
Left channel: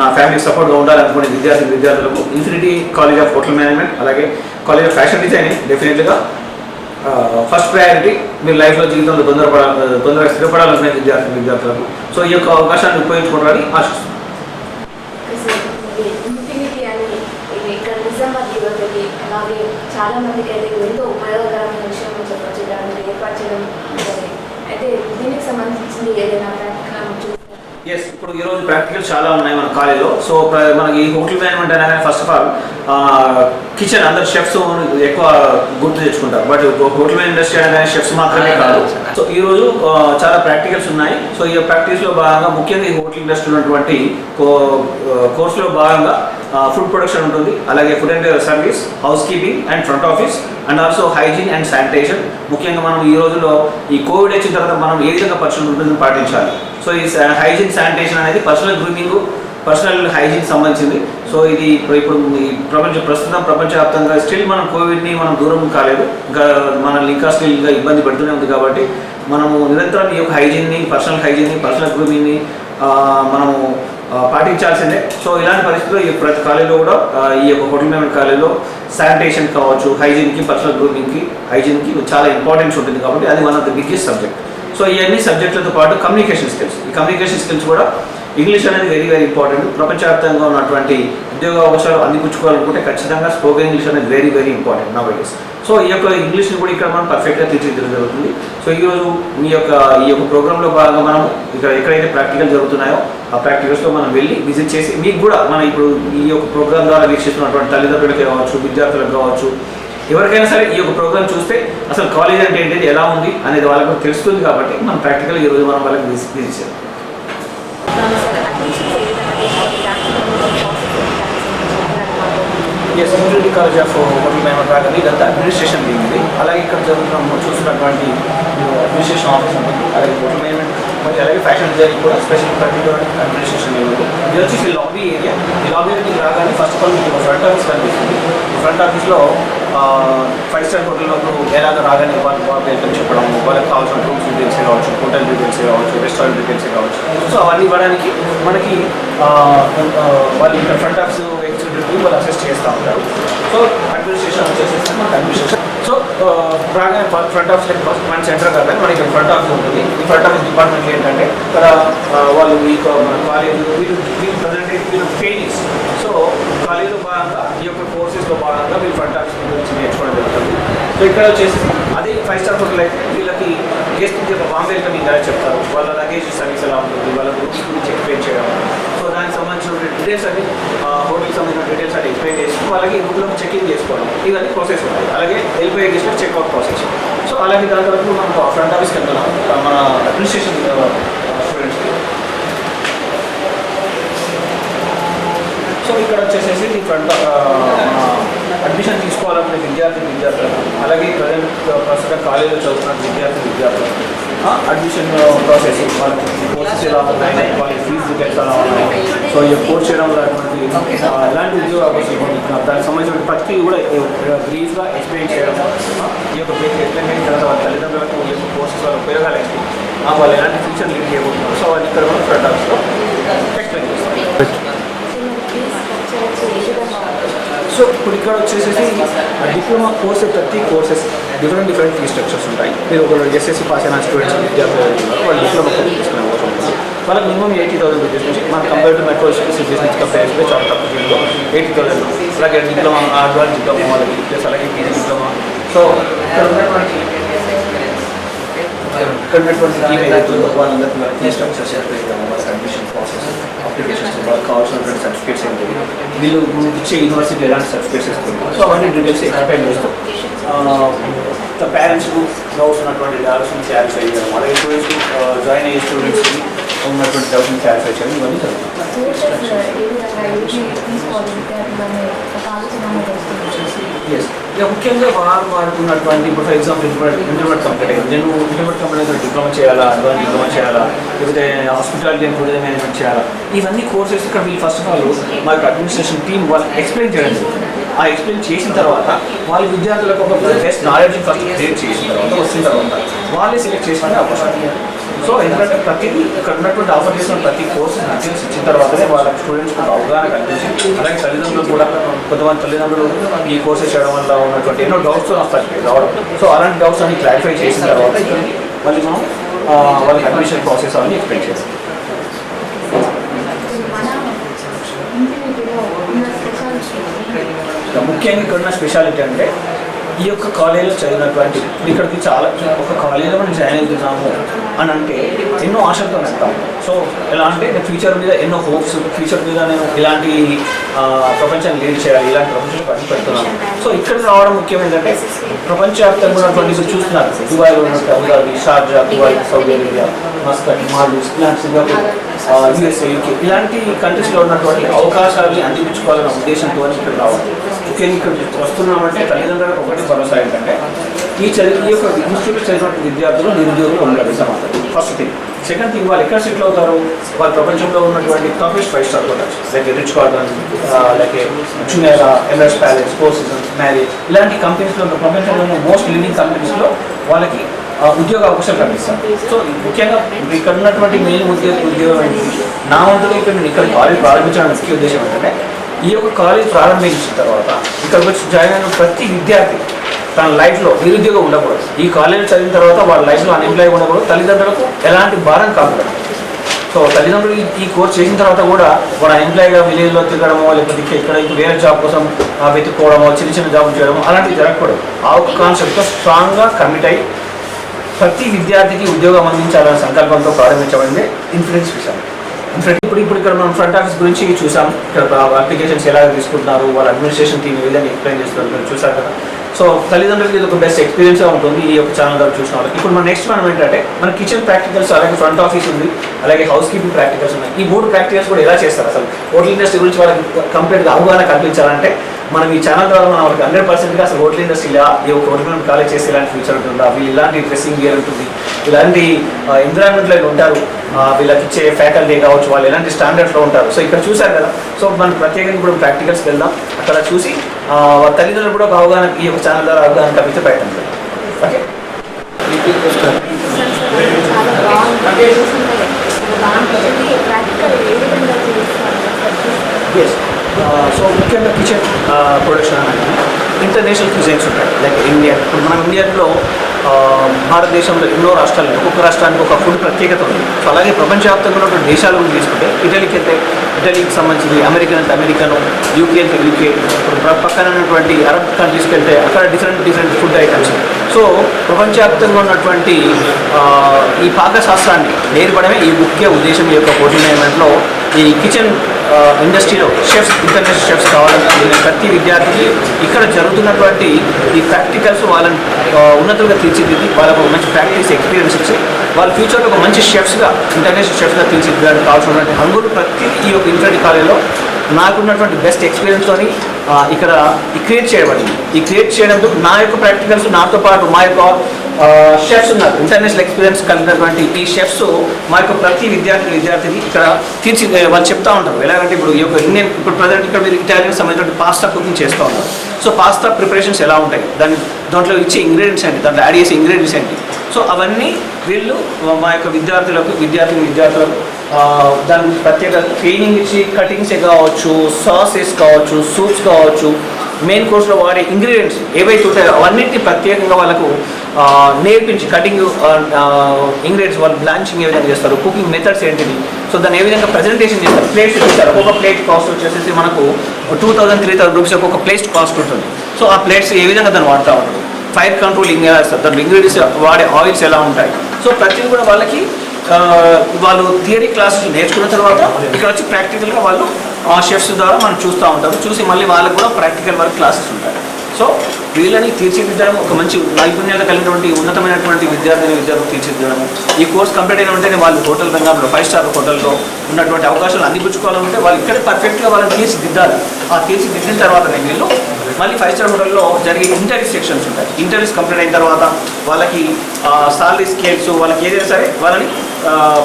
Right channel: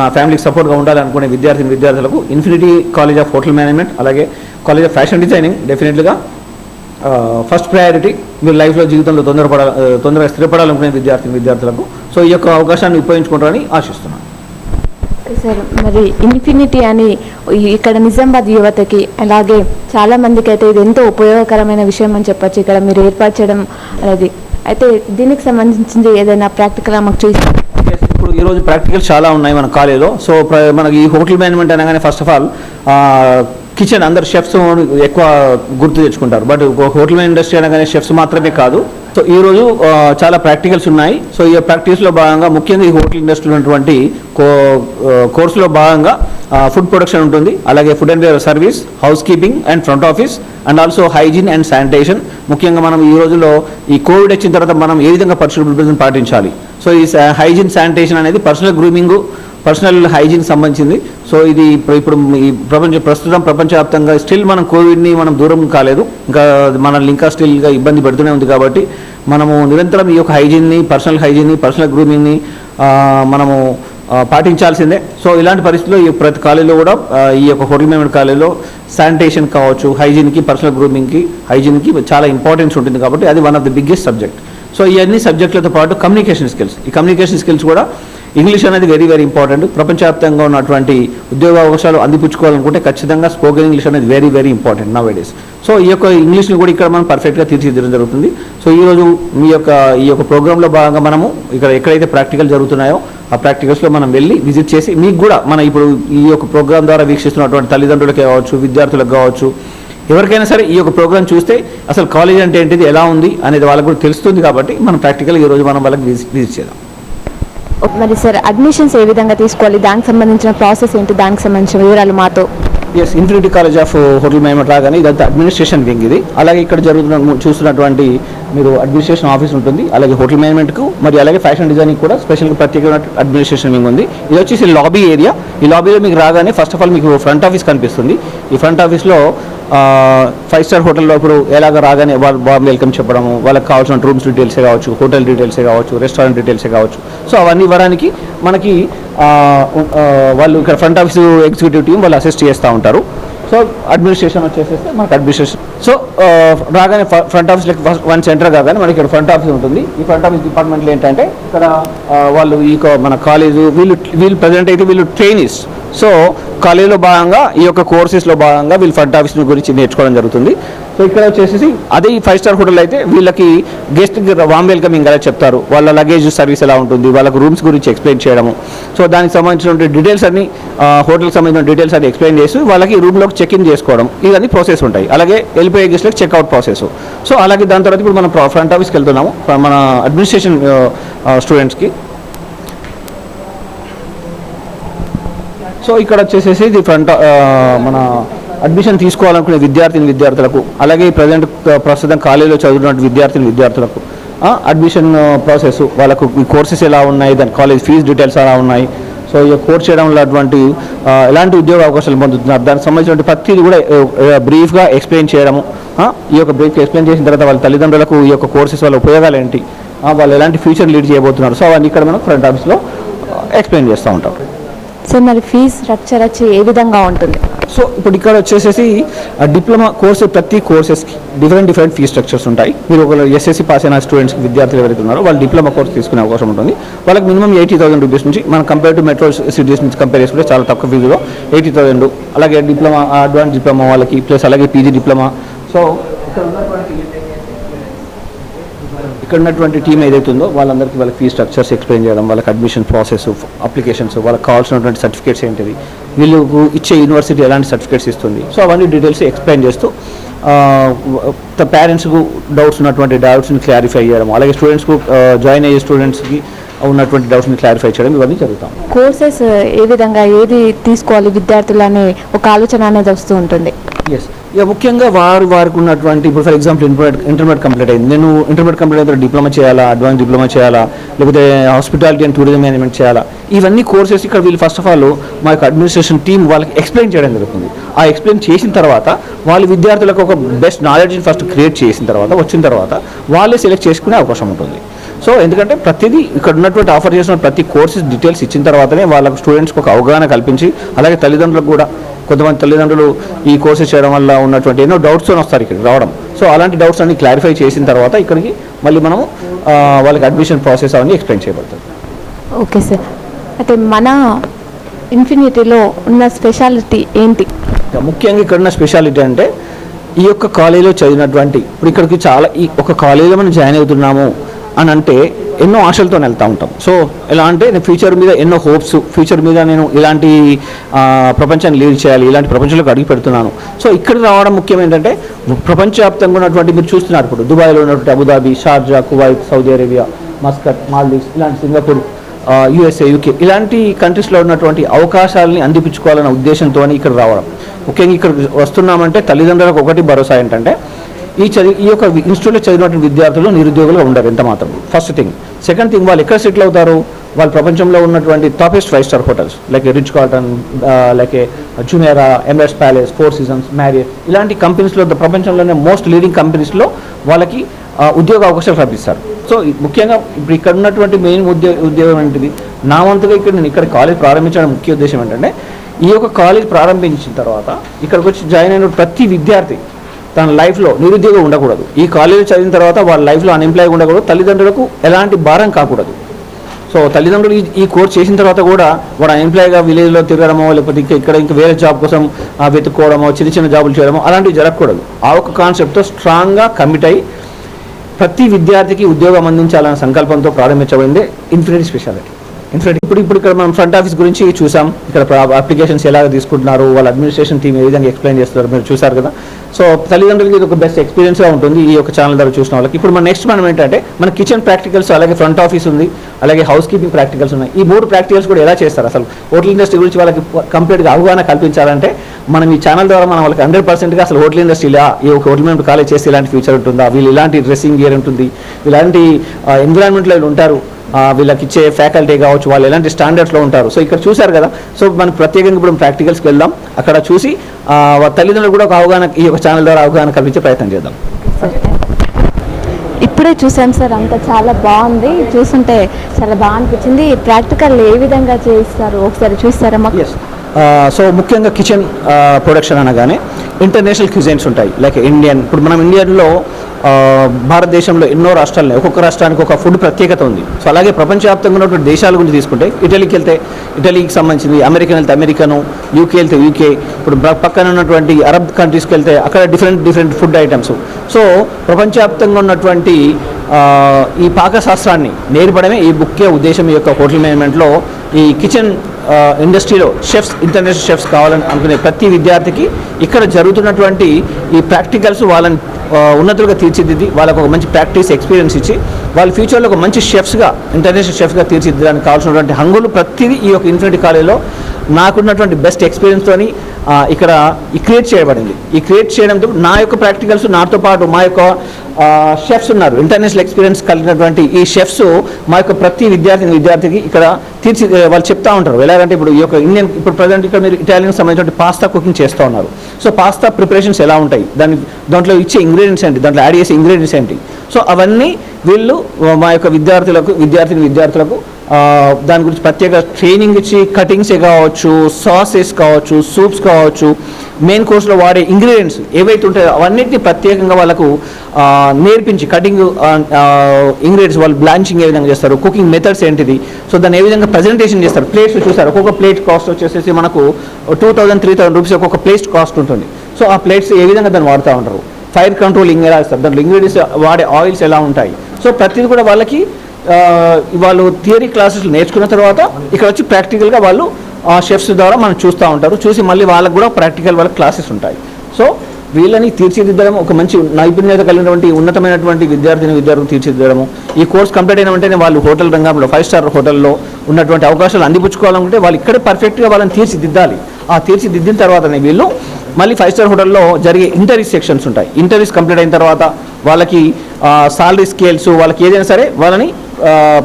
నా ఫ్యామిలీకి సపోర్ట్గా ఉండాలి అనుకునే విద్యార్థులకు infinity college of hotel management, అలాగే కాలేజ్ ఆఫ్ ఫ్యాషన్ డిజైనింగ్ డెఫినెట్గా ఫస్ట్ ప్రయారిటీ. మీరు లైఫ్లో జీవితంలో తొందరగా స్థిరపడాలనుకునే విద్యార్థులకు సో ఈ యొక్క అవకాశాన్ని ఉపయోగించుకుంటారని ఆశిస్తున్నాను. సార్ మరి ఇన్ఫినిటీ అని ఇక్కడ నిజామాబాద్ యువతకి అలాగే చాలా మందికి అయితే ఇది ఎంతో ఉపయోగకరమైన విషయం అని చెప్పొచ్చు ఇక్కడ మీరు ఏర్పాటు చేయడం అనేది. అయితే దీనికి సంబంధించింది ఏదైనా ప్రాక్టికల్ మాకు చూసి ఇప్పుడు ఈరోజు ప్రాక్టికల్ చాలా ఉన్నాయి మన కాలేజీలో. సో మనకి హోటల్ మేనేజ్మెంట్ అనగానే ఫస్ట్ ఆఫ్ ఆల్ కిచెన్ అందరు షెఫ్స్ ఎక్కువ గుర్తు తెచ్చుకుంటారు. బట్ హోటల్ ఇండస్ట్రీ అనగానే షెఫ్స్ మాత్రమే కాదు. సో ఈరోజు చాలా ప్రాక్టికల్స్ ఉన్నాయి. సో ఈ ప్రాక్టీస్లో భాగంగా ముఖ్యంగా ఈ హోటల్ ఇండస్ట్రీలో ఉన్నటువంటి కోర్సులో భాగంగా ఫుడ్ ప్రొడక్షన్ ఉంటుంది, అలాగే food and service, house keeping and front office and also hygiene and sanitation. ముఖ్యంగా మనం ఈ రోజుల్లో ఈ కోవిడ్ వచ్చిన తర్వాత మనం ఏ విధంగా పరిశుభ్రతను పాటించాలి. సో ఈ హైజీన్ శానిటేషన్ అనేది పర్సనల్ గ్రూమింగ్, పర్సనల్ హైజీన్ సంబంధించింది. సో ఇది ఇప్పుడు ఈ ప్రస్తుతం ప్రపంచవ్యాప్తంగా స్టిల్ మనం కోవిడ్ని మనం దూరం కాలేదు, ఇంకా మనల్ని ఇంకా స్టిల్గా ఇబ్బంది పెడుతూనే ఉంది. కాబట్టి మనము నిరంతరం ఈ యొక్క హైజీన్ని, పర్సనల్ హైజీన్ని, పర్సనల్ గ్రూమింగ్ని మనము పాటించాల్సిందే. సో ఇలాంటి పరిస్థితుల్లో ఈ ప్రతి కాలేజీలో కూడా ఈ యొక్క హోటల్ మేనేజ్మెంట్ కాలేజీలో శానిటేషన్ కావచ్చు, హైజీన్కి, పర్సనల్ గ్రూమింగ్కి, హైజీన్కి చాలా ఇంపార్టెన్స్ ఉంటుంది. కాబట్టి అది one of the biggest subject. So ఈ అన్ని సబ్జెక్టులతో పాటు కమ్యూనికేషన్ స్కిల్స్, ఈ కమ్యూనికేషన్ స్కిల్స్ కూడా ఇంగ్లీష్ అనేది వెరీ వెరీ ఇంపార్టెంట్. ప్రపంచవ్యాప్తంగా ఉన్నటువంటి ఉద్యోగ అవకాశాలు అందిపుచ్చుకోవాలనుకుంటే ఖచ్చితంగా స్పోకెన్ ఇంగ్లీష్ అనేది very very important now days. So ఈ యొక్క ఇంగ్లీష్ని కూడా ఇక్కడ మనం పర్ఫెక్ట్గా తీర్చిదిద్దడం జరుగుతుంది. సో ఈరోజు ఈ యొక్క ప్రోగ్రాంలో భాగంగా మనము ఇక్కడ ఎక్కడైతే ప్రాక్టికల్ జరుగుతున్నాయో ఆ ప్రాక్టికల్స్లో మనం వెళ్ళి విజిట్ చేసి మీకు కూడా మన ఇప్పుడు ఈ యొక్క ప్రోగ్రాం ద్వారా వీక్షిస్తున్నటువంటి తల్లిదండ్రులకే కావచ్చు, విద్యార్థులకు కావచ్చు, ఎవరికైనా సరే ఈ యొక్క ప్రోగ్రామ్ చూస్తే అసలు కాలేజ్ అంటే ఏంటిది, ఎలా ఉంది అనేది వాళ్ళకు కూడా తెలుస్తుంది. కాబట్టి మనం ప్రాక్టికల్ ఈరోజు మనం వాళ్ళకి విజిట్ చేయాలి. ఓకే సార్, అడ్మిషన్స్ ఏ విధంగా తీసుకోవాలి, దానికి సంబంధించిన ప్రాసెస్ ఏంటి, దానికి సంబంధించిన వివరాలు మాతో. Yes, infinity college of hotel management రాగానే ఇదంతా అడ్మినిస్ట్రేషన్ వింగ్ ఇది. అలాగే ఇక్కడ చూస్తున్నటువంటి మీరు అడ్మినిస్ట్రేషన్ ఆఫీస్ ఉంటుంది, అలాగే హోటల్ మేనేజ్మెంట్కు మరియు అలాగే ఫ్యాషన్ డిజైనింగ్ కూడా స్పెషల్ పర్టికులర్ అడ్మినిస్ట్రేషన్ వింగ్ ఉంది. ఇది వచ్చేసి లాబీ ఏరియా. ఈ లాబీలో మీకు రాగానే ఫస్ట్ ఆఫ్ ఆల్ మీకు ఫ్రంట్ ఆఫీస్ కనిపిస్తుంది. ఈ ఫ్రంట్ ఆఫీస్లో 5 స్టార్ హోటల్లో ఇప్పుడు ఎలాగ రాగానే వాళ్ళు బాబు వెల్కమ్ చెప్పడం, వాళ్ళకి కావాల్సిన రూమ్స్ డీటెయిల్సే కావచ్చు, హోటల్ డీటెయిల్సే కావచ్చు, రెస్టారెంట్ డీటెయిల్సే కావచ్చు. సో అవన్నీ ఇవ్వడానికి మనకి వాళ్ళు ఇక్కడ ఫ్రంట్ ఆఫీస్ ఎగ్జిక్యూటివ్ టీం వాళ్ళు అసిస్ట్ చేస్తూ ఉంటారు. సో అడ్మినిస్ట్రేషన్ వచ్చేసి మనకి అడ్మినిస్ట్రేషన్. సో రాగానే ఫ్రంట్ ఆఫీస్ వన్ సెంటర్ కాగానే మనకి ఇక్కడ ఫ్రంట్ ఆఫీస్ ఉంటుంది. ఈ ఫ్రంట్ ఆఫీస్ డిపార్ట్మెంట్లో ఏంటంటే ఇక్కడ వాళ్ళు మన కాలేజ్ వీళ్ళు ప్రజెంట్ అయితే వీళ్ళు ట్రైనీస్. సో కాలేజీలో భాగంగా ఈ యొక్క కోర్సెస్లో భాగంగా వీళ్ళు ఫ్రంట్ ఆఫీస్ గురించి నేర్చుకోవడం జరుగుతుంది. సో ఇక్కడ వచ్చేసి అదే 5 స్టార్ హోటల్ అయితే వీళ్ళకి గెస్ట్ వామ్ వెల్కమింగ్ ఎలా చెప్తారు, వాళ్ళ లగేజ్ సర్వీస్ ఎలా ఉంటుంది, వాళ్ళకి రూమ్స్ గురించి ఎక్స్ప్లెయిన్ చేయడము. సో దానికి సంబంధించిన డీటెయిల్స్ అన్ని హోటల్కి సంబంధించిన డీటెయిల్స్ అన్ని ఎక్స్ప్లెయిన్ చేసి వాళ్ళకి రూమ్లోకి చెక్ ఇన్ చేసుకోవడం, ఇవన్నీ ప్రాసెస్ ఉంటాయి. అలాగే వెళ్ళిపోయే గెస్ట్లకు చెక్అవుట్ ప్రాసెస్. సో అలాగే దాని తర్వాత ఇప్పుడు మనం ఫ్రంట్ ఆఫీస్కి వెళ్తున్నాము మన అడ్మినిస్ట్రేషన్ స్టూడెంట్స్కి. సో ఇక్కడ వచ్చేసేసి ఇది ఫ్రంట్ మన అడ్మిషన్ తీసుకోవాలనుకునే విద్యార్థులకు, అలాగే ప్రస్తుతం కాలేజీలో చదువుతున్న విద్యార్థులకు అడ్మిషన్ ప్రాసెస్, వాళ్ళకు కోర్సెస్ ఎలా ఉన్నాయి, కాలేజ్ ఫీజు డీటెయిల్స్ ఎలా ఉన్నాయి, సో ఈ కోర్స్ చేయడం వల్ల అటువంటి ఎలాంటి ఉద్యోగ అవకాశాలు పొందుతున్నారు, దానికి సంబంధించిన ప్రతిదీ కూడా బ్రీఫ్గా ఎక్స్ప్లెయిన్ చేయడము. ఈ యొక్క బ్రీఫ్ ఎక్స్ప్లెయిన్ చేసిన తర్వాత వాళ్ళ తల్లిదండ్రులకు ఈ యొక్క కోర్సెస్ వల్ల ఉపయోగాలు ఏంటి, వాళ్ళు ఎలాంటి ఫ్యూచర్ లీడ్ చేయబోతున్నారు, సో అవన్నీ ఇక్కడ మనం ఫ్రంట్ ఆఫీస్లో ఎక్స్ప్లెయిన్ చేస్తూ ఉంటాం. సో మరి ఫీజ్ స్ట్రక్చర్ వచ్చి ఏ విధంగా ఉంటుంది? సో ఇప్పుడు ఇక్కడ వచ్చేసేసి డిప్లొమా కోర్సు ప్రతి కోర్సెస్ డిఫరెంట్ ఫీ స్ట్రక్చర్స్ ఉంటాయి. మీరు ఒక ఎస్ఎస్సీ పాస్ అయిన స్టూడెంట్స్ విద్యార్థులు వెళ్తున్నారు, వాళ్ళు డిప్లొమా కోర్స్ తీసుకునే అవకాశం ఉంటుంది. వాళ్ళకి మినిమం 80,000 రూపీస్ నుంచి మనం కంపేర్ టు మెట్రో సిటీస్ నుంచి కంపేర్ చేసుకుంటే చాలా తక్కువ ఫీజులో 80,000. అలాగే డిప్లొమా, అడ్వాన్స్ డిప్లొమా వాళ్ళకి ప్లస్ అలాగే పీజీ డిప్లొమా. సో ఇక్కడ ఉన్నటువంటి టీం ఏదైతే ఉందో వాళ్ళందరికీ వాళ్ళకి ఈ స్ట్రక్చర్స్ ఎక్స్ప్లెయిన్ చేయడం, వాళ్ళకి అడ్మిషన్ ప్రాసెస్, అప్లికేషన్స్, వాళ్ళకి కావాల్సినటువంటి సర్టిఫికేట్స్ ఏంటివి, వీళ్ళు ఇచ్చే యూనివర్సిటీ ఎలాంటి సర్టిఫికేట్స్ ఇస్తుంది, సో అవన్నీ డీటెయిల్స్ ఎక్స్ప్లెయిన్ చేస్తూ పేరెంట్స్కు డౌట్స్ ఉన్నటువంటి డౌట్స్ని క్లారిఫై చేయడం, అలాగే స్టూడెంట్స్కు జాయిన్ అయ్యే స్టూడెంట్స్కి ఉన్నటువంటి డౌట్స్ని క్లారిఫై చేయడం, ఇవన్నీ జరుగుతాయి. కోర్సెస్ ఏ విధంగా ఏది తీసుకోవాలి విద్యార్థులు అనే ఒక ఆలోచన అనేది వస్తూ ఉంటుంది. ఇక ముఖ్యంగా వారికి ఉన్నటువంటి ఇప్పుడు ఫర్ ఎగ్జాంపుల్ ఇంటర్మీడియట్ కంప్లీట్ అయింది, నేను ఇంటర్మీడియట్ కంప్లీట్ అయిన డిప్లొమా చేయాలా, అడ్వాన్స్ డిప్లొమా చేయాలా, లేకపోతే హాస్పిటాలిటీ అండ్ టూరిజం మేనేజ్మెంట్ చేయాలా, ఇవన్నీ కోర్సెస్ ఇక్కడ వీళ్ళు ఫస్ట్ ఆఫ్ ఆల్ మా యొక్క అడ్మినిస్ట్రేషన్ టీం వాళ్ళకి ఎక్స్ప్లెయిన్ చేయడం జరుగుతుంది. ఆ ఎక్స్ప్లెయిన్ చేసిన తర్వాత వాళ్ళ విద్యార్థులకు ఒక బెస్ట్ నాలెడ్జ్ని ఫస్ట్ క్రియేట్ చేసిన తర్వాత వచ్చిన తర్వాత వాళ్ళే సెలెక్ట్ చేసుకునే అవకాశం ఉంటుంది. సో ఎందుకంటే ప్రతిదీ ఇక్కడ ఉన్నటువంటి ఆఫర్ చేసిన ప్రతి కోర్సెస్ డీటెయిల్స్ ఇచ్చిన తర్వాతనే వాళ్ళ స్టూడెంట్స్కి ఒక అవగాహన కల్పించి, అలాగే తల్లిదండ్రులకు కూడా కొంతమంది తల్లిదండ్రులు ఈ కోర్సెస్ చేయడం వల్ల ఉన్నటువంటి ఎన్నో డౌట్స్తో వస్తారు ఇక్కడ రావడం. సో అలాంటి డౌట్స్ అన్ని క్లారిఫై చేసిన తర్వాత ఇక్కడికి మళ్ళీ మనం వాళ్ళకి అడ్మిషన్ ప్రాసెస్ అవన్నీ ఎక్స్ప్లెయిన్ చేద్దాం. ఓకే సార్, అయితే మన ఇన్ఫినిటీలో ఉన్న స్పెషాలిటీ ఏంటి? ముఖ్యంగా ఇక్కడ ఉన్న స్పెషాలిటీ అంటే ఈ యొక్క కాలేజీలో చదివినటువంటి ఇప్పుడు ఇక్కడికి చాలా ఈ ఒక కాలేజీలో మనం జాయిన్ అవుతున్నాము అని అంటే ఎన్నో ఆశలతో వెళ్తూ ఉంటాం. సో ఎలా అంటే నేను ఫ్యూచర్ మీద ఎన్నో హోప్స్, ఫ్యూచర్ మీద నేను ఇలాంటి ప్రపంచాన్ని లీడ్ చేయాలి, ఇలాంటి ప్రపంచంలోకి అడుగు పెడుతున్నాను. సో ఇక్కడ రావడం ముఖ్యం ఏంటంటే ప్రపంచవ్యాప్తంగా ఉన్నటువంటి మీరు చూస్తున్నారు ఇప్పుడు దుబాయ్లో ఉన్నటువంటి Abu Dhabi, Sharjah, Kuwait, Saudi Arabia, Muscat, Maldives, ఇలాంటి సింగపూర్, యూఎస్ఏ, యూకే ఇలాంటి కంట్రీస్లో ఉన్నటువంటి అవకాశాలని అందిపించుకోవాలన్న ఉద్దేశంతో ఇక్కడ రావడం. ముఖ్యంగా ఇక్కడ వస్తున్నామంటే తల్లిదండ్రులకు ఒకటి భరోసా ఏంటంటే ఈ యొక్క ఇన్స్టిట్యూట్లో చదివినటువంటి విద్యార్థులు నిరుద్యోగులు ఉండరు ఎంత మాత్రం. First thing. సెకండ్ థింగ్, వాళ్ళు ఎక్కడ సెటిల్ అవుతారు? వాళ్ళు ప్రపంచంలో ఉన్నటువంటి toppest 5-star hotels like Ritz Carlton, like Jumeirah, MS palace, four seasons, Marriott ఇలాంటి కంపెనీస్లో ప్రపంచంలోనే మోస్ట్ లీడింగ్ కంపెనీస్లో వాళ్ళకి ఉద్యోగ అవకాశాలు కల్పిస్తారు. సో ముఖ్యంగా ఇక్కడ ఉన్నటువంటి మెయిన్ ఉద్యోగం ఏంటిది? నా వంతుగా ఇక్కడ నేను ఇక్కడ కాలేజ్ ప్రారంభించడం ముఖ్య ఉద్దేశం ఏంటంటే ఈ యొక్క కాలేజ్ ప్రారంభించిన తర్వాత ఇక్కడికి వచ్చి జాయిన్ అయిన ప్రతి విద్యార్థి తన లైఫ్లో నిరుద్యోగం ఉండకూడదు. ఈ కాలేజ్ చదివిన తర్వాత వాళ్ళ లైఫ్లో అన్ఎంప్లాయ్ ఉండకూడదు, తల్లిదండ్రులకు ఎలాంటి భారం కాకూడదు. సో తల్లిదండ్రులు ఈ కోర్స్ చేసిన తర్వాత కూడా వాడు అన్ఎంప్లాయ్గా విలేజ్లో తిరగడమో లేకపోతే ఇక్కడ ఇంక వేరే జాబ్ కోసం వెతుక్కోవడమో చిన్న చిన్న జాబులు చేయడమో అలాంటివి జరగకూడదు. ఆ ఒక కాన్సెప్ట్తో స్ట్రాంగ్గా కమిట్ అయ్యి ప్రతి విద్యార్థికి ఉద్యోగం అందించాలనే సంకల్పంతో ప్రారంభించబడింది ఇన్ఫినిటీ స్పెషాలిటీ. ఇప్పుడు ఇక్కడ మనం ఫ్రంట్ ఆఫీస్ గురించి చూసాం. ఇక్కడ అప్లికేషన్స్ ఎలా తీసుకుంటున్నారు, వాళ్ళ అడ్మినిస్ట్రేషన్ టీమ్ ఏ విధంగా ఎక్స్ప్లెయిన్ చేస్తున్నారు మీరు చూసారు కదా. సో తల్లిదండ్రులకి ఇది ఒక బెస్ట్ ఎక్స్పీరియన్స్గా ఉంటుంది ఈ యొక్క ఛానల్ ద్వారా చూసిన వాళ్ళకి. ఇప్పుడు మన నెక్స్ట్ మనం ఏంటంటే మన కిచెన్ ప్రాక్టికల్స్, అలాగే ఫ్రంట్ ఆఫీస్ ఉంది, అలాగే హౌస్ కీపింగ్ ప్రాక్టికల్స్ ఉన్నాయి. ఈ 3 ప్రాక్టికల్స్ కూడా ఎలా చేస్తారు? అసలు హోటల్ ఇండస్ట్రీ గురించి వాళ్ళకి కంప్లీట్గా అవగాహన కల్పించాలంటే మనం ఈ ఛానల్ ద్వారా మనం వాళ్ళకి 100% అసలు హోటల్ ఇండస్ట్రీలో ఈ ఒక హోటల్ మీద కాలేజ్ చేస్తే ఇలాంటి ఫ్యూచర్ ఉంటుందా, వీళ్ళు ఇలాంటి డ్రెస్సింగ్ గేర్ ఉంటుంది, ఇలాంటి ఎన్విరాన్మెంట్లో ఉంటారు, వీళ్ళకి ఇచ్చే ఫ్యాకల్టీ కావచ్చు, వాళ్ళు ఎలాంటి స్టాండర్డ్స్లో ఉంటారు. సో ఇక్కడ చూశారు కదా. సో మనం ప్రత్యేకంగా ఇప్పుడు ప్రాక్టికల్స్కి వెళ్దాం, అక్కడ చూసి తల్లిదండ్రులు కూడా ఒక అవగాహన ఈ యొక్క ఛానల్ ద్వారా అవగాహన కల్పించే ప్రయత్నం చేద్దాం. ఇప్పుడే చూసాను సార్, అంతా చాలా బాగుంది, చూస్తుంటే చాలా బాగా అనిపించింది. ప్రాక్టికల్ ఏ విధంగా చేస్తారు ఒకసారి చూస్తారా మాకు? సో ముఖ్యంగా కిచెన్ ప్రొడక్షన్ అనగానే ఇంటర్నేషనల్ క్యూజైన్స్ ఉంటాయి. లైక్ ఇండియన్, ఇప్పుడు మనం ఇండియన్లో భారతదేశంలో ఎన్నో రాష్ట్రాలు, ఒక్కొక్క రాష్ట్రానికి ఒక ఫుడ్ ప్రత్యేకత ఉంది. సో అలాగే ప్రపంచవ్యాప్తంగా ఉన్నటువంటి దేశాల గురించి తీసుకుంటే ఇటలీకి వెళ్తే ఇటలీకి సంబంధించింది, అమెరికా వెళ్తే అమెరికను, యూకే వెళ్తే యూకే, ఇప్పుడు పక్కన ఉన్నటువంటి అరబ్ కంట్రీస్కి వెళ్తే అక్కడ డిఫరెంట్ ఫుడ్ ఐటమ్స్. సో ప్రపంచవ్యాప్తంగా ఉన్నటువంటి ఈ పాకశాస్త్రాన్ని నేర్పడమే ఈ ముఖ్య ఉద్దేశం ఈ యొక్క హోటల్ మేనేజ్మెంట్లో. ఈ కిచెన్ ఇండస్ట్రీలో షెఫ్స్, ఇంటర్నేషనల్ షెఫ్స్ కావాలని అనుకునే ప్రతి విద్యార్థికి ఇక్కడ జరుగుతున్నటువంటి ఈ ప్రాక్టికల్స్ వాళ్ళని ఉన్నతులుగా తీర్చిదిద్ది వాళ్ళకు ఒక మంచి ప్రాక్టీస్ ఎక్స్పీరియన్స్ ఇచ్చి వాళ్ళ ఫ్యూచర్లో ఒక మంచి షెఫ్స్గా, ఇంటర్నేషనల్ షెఫ్గా తీర్చిదిద్దడానికి కావాల్సినటువంటి హంగులు ప్రతిదీ ఈ యొక్క ఇన్ఫినిటీ కాలేజ్లో నాకున్నటువంటి బెస్ట్ ఎక్స్పీరియన్స్తోని ఇక్కడ క్రియేట్ చేయబడింది. ఈ క్రియేట్ చేయడంతో నా యొక్క ప్రాక్టికల్స్ నాతో పాటు మా యొక్క షెఫ్స్ ఉన్నారు, ఇంటర్నేషనల్ ఎక్స్పీరియన్స్ కలిగినటువంటి ఈ షెఫ్స్ మా యొక్క ప్రతి విద్యార్థికి ఇక్కడ వాళ్ళు చెప్తా ఉంటారు. ఎలాగంటే ఇప్పుడు ఈ యొక్క ఇండియన్, ఇప్పుడు ప్రజెంట్ ఇక్కడ మీరు ఇటాలియన్ సంబంధించిన పాస్తా కుకింగ్ చేస్తూ ఉన్నారు. సో పాస్తా ప్రిపరేషన్స్ ఎలా ఉంటాయి, దాంట్లో ఇచ్చే ఇంగ్రీడియంట్స్ ఏంటి, దాంట్లో యాడ్ చేసే ఇంగ్రీడియంట్స్ ఏంటి, సో అవన్నీ వీళ్ళు మా యొక్క విద్యార్థులకు దాని గురించి ప్రత్యేక ట్రైనింగ్ ఇచ్చి కటింగ్సే కావచ్చు, సాసెస్ కావచ్చు, సూప్స్ కావచ్చు, మెయిన్ కోర్స్లో వాడే ఇంగ్రీడియంట్స్ ఏవైతే ఉంటాయో అవన్నిటిని ప్రత్యేకంగా వాళ్ళకు నేర్పించి కటింగ్ ఇంగ్రీడియంట్స్, వాళ్ళు బ్లాంచింగ్ ఏ విధంగా చేస్తారు, కుకింగ్ మెథడ్స్ ఏంటిది, సో దాన్ని ఏ విధంగా ప్రజెంటేషన్ చేస్తారు. ప్లేట్స్ చూస్తారు, ఒక్కొక్క ప్లేట్ కాస్ట్ వచ్చేసి మనకు 2000-3000 రూపీస్ ఒక్కొక్క ప్లేట్ కాస్ట్ ఉంటుంది. సో ఆ ప్లేట్స్ ఏ విధంగా దాన్ని వాడుతూ ఉంటారు, ఫైర్ కంట్రోలింగ్ ఎలా ఇస్తారు, దాంట్లో ఇంగ్రీడియంట్స్ వాడే ఆయిల్స్ ఎలా ఉంటాయి. సో ప్రతిదీ కూడా వాళ్ళకి వాళ్ళు థియరీ క్లాసెస్ నేర్చుకున్న తర్వాత ఇక్కడ వచ్చి ప్రాక్టికల్గా వాళ్ళు షెఫ్స్ ద్వారా మనం చూస్తూ ఉంటారు. చూసి మళ్ళీ వాళ్ళకు కూడా ప్రాక్టికల్ వాళ్ళకి క్లాసెస్ ఉంటాయి. సో వీళ్ళని తీర్చిదిద్దడం, ఒక మంచి నైపుణ్యత కలిగినటువంటి ఉన్నతమైనటువంటి విద్యార్థులు తీర్చిదిద్దడము. ఈ కోర్స్ కంప్లీట్ అయిన వెంటనే వాళ్ళు హోటల్ బెంగాల్లో 5-star హోటల్లో ఉన్నటువంటి అవకాశాలు అందిపుచ్చుకోవాలంటే వాళ్ళు ఇక్కడే పర్ఫెక్ట్గా వాళ్ళని తీర్చిదిద్దాలి. ఆ తీర్చిదిద్దిన తర్వాతనే వీళ్ళు మళ్ళీ 5-star హోటల్లో జరిగే ఇంటర్వ్యూ సెక్షన్స్ ఉంటాయి. ఇంటర్వ్యూస్ కంప్లీట్ అయిన తర్వాత వాళ్ళకి సాలరీ స్కేల్స్, వాళ్ళకి ఏదైనా సరే వాళ్ళని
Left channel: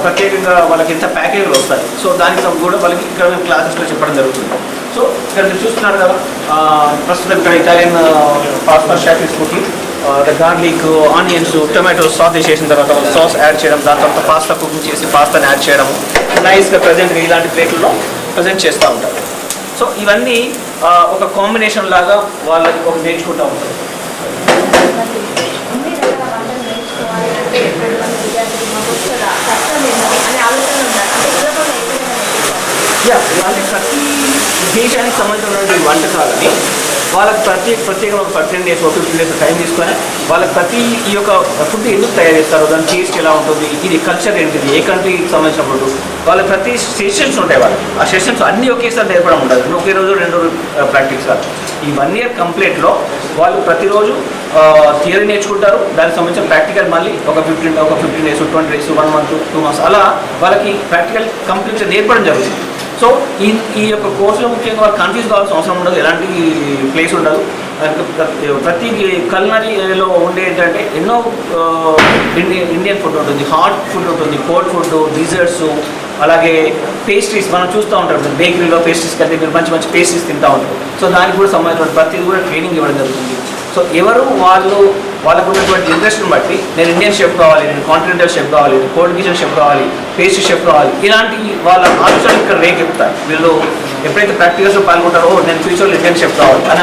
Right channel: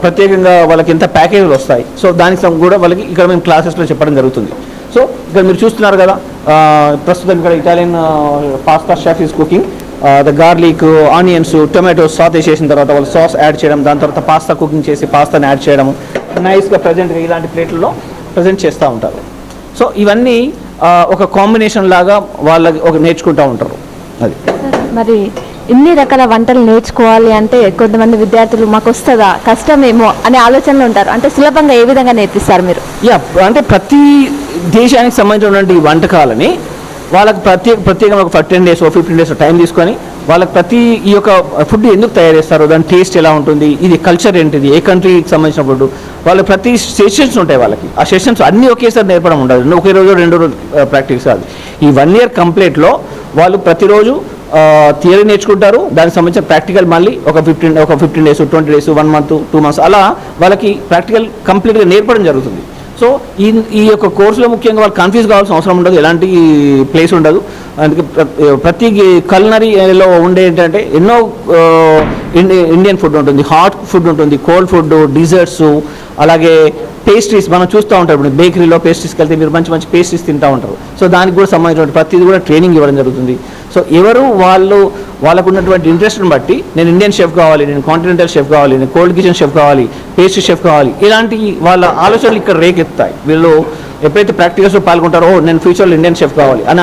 ప్రత్యేకంగా వాళ్ళకి ఎంత ప్యాకేజీలు వస్తాయి. సో దానికి కూడా వాళ్ళకి ఇక్కడ మేము క్లాసెస్లో చెప్పడం జరుగుతుంది. సో ఇక్కడ మీరు చూస్తున్నారు కదా, ప్రస్తుతం ఇక్కడ Italian pasta chef is cooking the garlic, onions, tomatoes Sathe చేసిన తర్వాత వాళ్ళు సాస్ యాడ్ చేయడం, దాని తర్వాత పాస్తా కుకింగ్ చేసి పాస్తాని యాడ్ చేయడం, నైస్గా ప్రజెంట్గా ఇలాంటి ప్లేట్లలో ప్రజెంట్ చేస్తూ ఉంటారు. సో ఇవన్నీ ఒక కాంబినేషన్ లాగా వాళ్ళు ఒక నేర్చుకుంటూ ఉంటారు. అది మరి ఇన్ని రకాల వంటలు నేర్చుకోవాలి అంటే కొంతమంది విద్యార్థులు మాకు వస్తుందా కష్టమేమో అనే ఆలోచనలో ఉంటారు. అంటే సులభంగా ఏ విధంగా నేర్పిస్తారు మీరు? అంటే ప్రతి దేశానికి సంబంధించినటువంటి వంటకాలని వాళ్ళకి ప్రత్యేకంగా ఒక 10 days 15 days టైం తీసుకొని వాళ్ళకి ప్రతి ఈ యొక్క ఫుడ్ ఎందుకు తయారు చేస్తారు, దాని టేస్ట్ ఎలా ఉంటుంది, ఇది కల్చర్ ఏంటిది, ఏ కంట్రీకి సంబంధించిన ఫుడ్, వాళ్ళ ప్రతి సెషన్స్ ఉంటాయి. వాళ్ళకి ఆ సెషన్స్ అన్నీ ఒకేసారి నేర్పడం ఉండదు, ఒకే రోజు 2 రోజులు ప్రాక్టీస్ కాదు. ఈ 1 year కంప్లీట్లో వాళ్ళు ప్రతిరోజు థియరీ నేర్చుకుంటారు, దానికి సంబంధించిన ప్రాక్టికల్ మళ్ళీ ఒక 15 days 20 days 1 month 2 months అలా వాళ్ళకి ప్రాక్టికల్ కంప్లీట్గా నేర్పడం జరుగుతుంది. సో ఈ యొక్క కోర్సులో ముఖ్యంగా వాళ్ళు కన్ఫ్యూజ్ కావాల్సిన అవసరం ఉండదు, ఎలాంటి ప్లేస్ ఉండదు. ప్రతి కల్నరీలో ఉండే ఏంటంటే ఎన్నో ఇండియన్ ఫుడ్ ఉంటుంది, హాట్ ఫుడ్ ఉంటుంది, కోల్డ్ ఫుడ్, డిజర్ట్స్, అలాగే పేస్ట్రీస్ మనం చూస్తూ ఉంటాం. బేకరీలో పేస్ట్రీస్కి వెళ్తే మీరు మంచి మంచి పేస్ట్రీస్ తింటూ ఉంటారు. సో దానికి కూడా సంబంధించిన ప్రతిదీ కూడా ట్రైనింగ్ ఇవ్వడం జరుగుతుంది. సో ఎవరు వాళ్ళకు ఉన్నటువంటి ఇంట్రెస్ట్ని బట్టి నేను ఇండియన్ షెఫ్ కావాలి, నేను కాంటినెంటల్ షెఫ్ కావాలి, నేను కోల్డ్ కిచెన్ షెఫ్ కావాలి, పేస్ట్రీ షెఫ్ కావాలి, ఇలాంటి వాళ్ళ ఆలోచనలు ఇక్కడ రేకెత్తాయి. వీళ్ళు ఎప్పుడైతే ప్రాక్టికల్స్లో పాల్గొంటారో నేను ఫ్యూచర్లో ఇండియన్ షెఫ్ కావాలి అని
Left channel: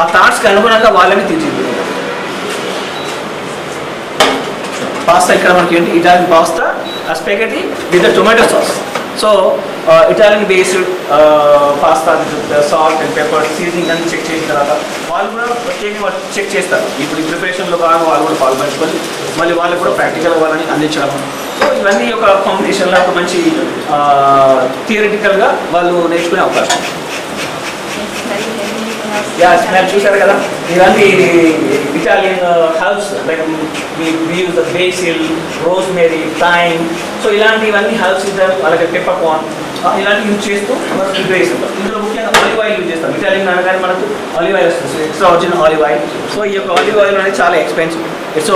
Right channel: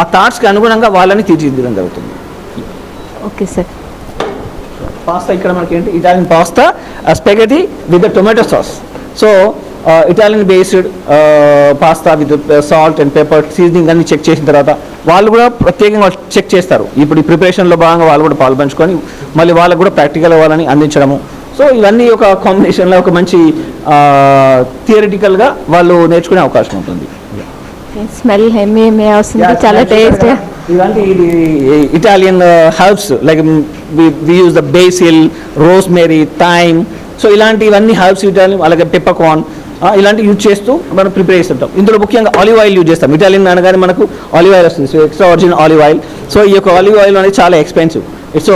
ఆ థాట్స్కి అనుగుణంగా వాళ్ళని తీర్చిదిద్దడం జరుగుతుంది. Okay sir. పాస్తా ఇక్కడ మనకి ఏంటి, Italian pasta spaghetti with tomato sauce. So Italian based pasta with salt and pepper seasoning అన్ని చెక్ చేసిన తర్వాత వాళ్ళు కూడా ప్రత్యేకంగా చెక్ చేస్తారు. ఇప్పుడు ఈ ప్రిపరేషన్లో భాగంగా వాళ్ళు కూడా పాల్పంచుకొని మళ్ళీ వాళ్ళకు కూడా ప్రాక్టికల్ అవ్వాలని అందించడము. సో ఇవన్నీ ఒక కాంబినేషన్లో ఒక మంచి థియరిటికల్గా వాళ్ళు నేర్చుకునే అవకాశం ఉంటుంది. స్మెల్ వస్తుంది, చాలా టేస్ట్. ఇలాంటి Italian herbs like we use the basil, rosemary, thyme, so ఇలాంటివన్నీ హర్బ్స్ అలాగే పెప్పర్కార్న్ ఇలాంటివి యూజ్ చేస్తూ మనం ప్రిపేర్ చేస్తుంటాం. ఇందులో ముఖ్యంగా ఆలివ్ ఆయిల్ యూజ్ చేస్తాం. ఇటాలియన్ అనగానే మనకు ఆలివ్ ఆయిల్ వస్తుంది, extra original olive oil. So ఈ యొక్క ఆలివ్ ఆయిల్ అనేది చాలా ఎక్స్పెన్సివ్. సో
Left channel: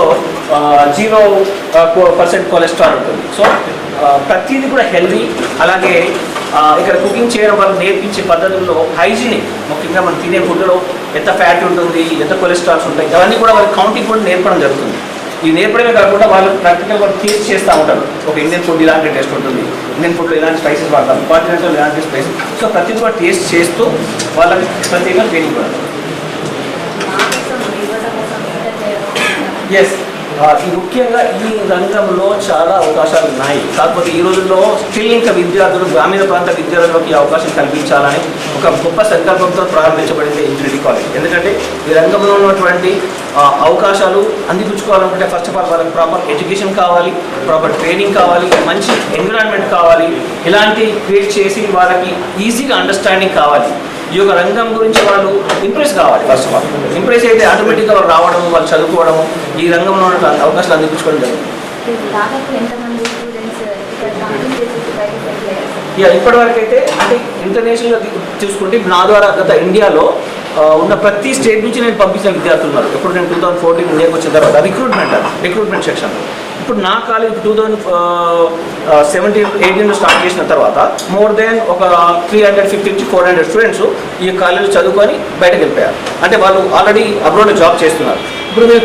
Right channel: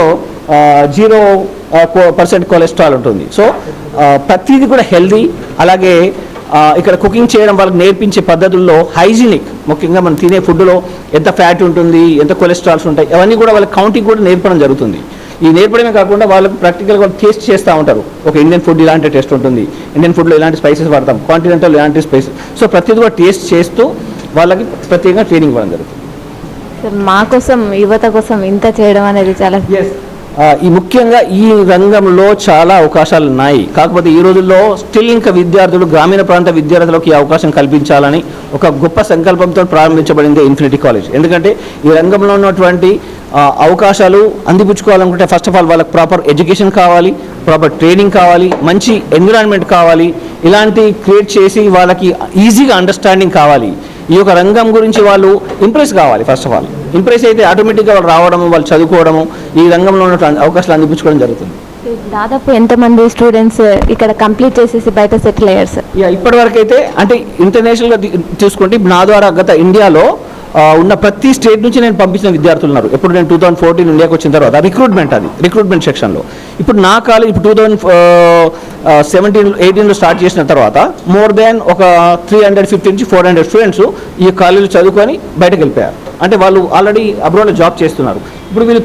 0% కొలెస్ట్రాల్ ఉంటుంది. సో ప్రతిదీ కూడా హెల్దీ. అలాగే ఇక్కడ కుకింగ్ చేయడం వాళ్ళకి నేర్పించే పద్ధతుల్లో హైజీనిక్, ముఖ్యంగా మనం తినే ఫుడ్లో ఎంత ఫ్యాట్ ఉంటుంది, ఎంత కొలెస్ట్రాల్స్ ఉంటాయి, అవన్నీ కూడా వాళ్ళకి కౌంటింగ్ కూడా నేర్పడం జరుగుతుంది. ఈ నేర్పడమే కాకుండా వాళ్ళకి ప్రాక్టికల్ వాళ్ళు టేస్ట్ చేస్తూ ఉంటారు. ఒక ఇండియన్ ఫుడ్ ఇలాంటి టేస్ట్ ఉంటుంది, ఇండియన్ ఫుడ్లో ఇలాంటి స్పైసెస్ వాడతాం, కాంటినెంటల్ ఇలాంటి స్పైసెస్. సో ప్రతిదీ కూడా టేస్ట్ చేస్తూ వాళ్ళకి ప్రత్యేకంగా ట్రైనింగ్ ఇవ్వడం జరుగుతుంది. మా కోసం, యువత కోసం ఇంత చేయడం అనేది చాలా ఈ ముఖ్యంగా ఈ రంగంలో చాలా అవకాశాలు ఉన్నాయి. కాకపోతే ఈ రోజుల్లో స్టిల్ ఇంకా విద్యార్థులు, గ్రామీణ ప్రాంత విద్యార్థులకు ఈ అవకాశం కల్పించాలని ఒక గొప్ప సంకల్పంతో ప్రారంభించబడింది ఇన్ఫినిటీ కాలేజ్. ఎందుకంటే ఈ రంగంలో ఉన్నటువంటి అవకాశాలు అందిపుచ్చుకోవాలనుకుంటే ఫస్ట్ ఆఫ్ ఆల్ వాళ్ళకి ప్రాపర్ ఎడ్యుకేషన్ కావాలి, ప్రాపర్ ట్రైనింగ్ కావాలి, మంచి ఎన్విరాన్మెంట్ కావాలి. ఇలాంటి క్రియేట్ చేసి వాళ్ళకి ఈజీగా అండర్స్టాండింగ్ కావాలి. ఈ యొక్క రంగం గురించి వాళ్ళు ఇంప్రెస్ కావాలి. ఫస్ట్ ఆఫ్ ఆల్ ఇంప్రెస్ అయితే ఆటోమేటిక్గా వాళ్ళు రావడము, వాళ్ళు చదువుకోవడము, ఈ రంగంలో ఉన్న అవకాశాలు అందిపుచ్చుకోవడం జరుగుతుంది. దాదాపు ఎంతమంది స్టూడెంట్స్ ఇక్కడ కంప్లీట్ చేసేసి బయట సెటిల్ అయ్యారు సార్? ఇప్పటివరకు అయితే అంటే ఇంటర్నేషనల్గా చూసుకుంటే నా ద్వారా గత ఇండియాలో ఉన్న ప్రతి స్టేట్ నుంచి నేను పంపించిన విద్యార్థులు ఉన్నారు. ఇప్పుడు నేను 2014 ఇండియాకి వచ్చిన తర్వాత రిక్రూట్మెంట్ సెక్షన్లో ఇప్పుడు నా కాలేజ్ 2017-18లో స్టార్ట్ చేసిన తర్వాత మోర్ దాన్ ఒక 350 నుంచి 400 స్టూడెంట్స్ ఈ కాలేజీలో చదువుకొని బయటకు వెళ్ళిపోయారు. అంటే వాళ్ళు ఆల్రెడీ అబ్రాడ్లో జాబ్ చేస్తున్నారు. ఇప్పుడు వీళ్ళు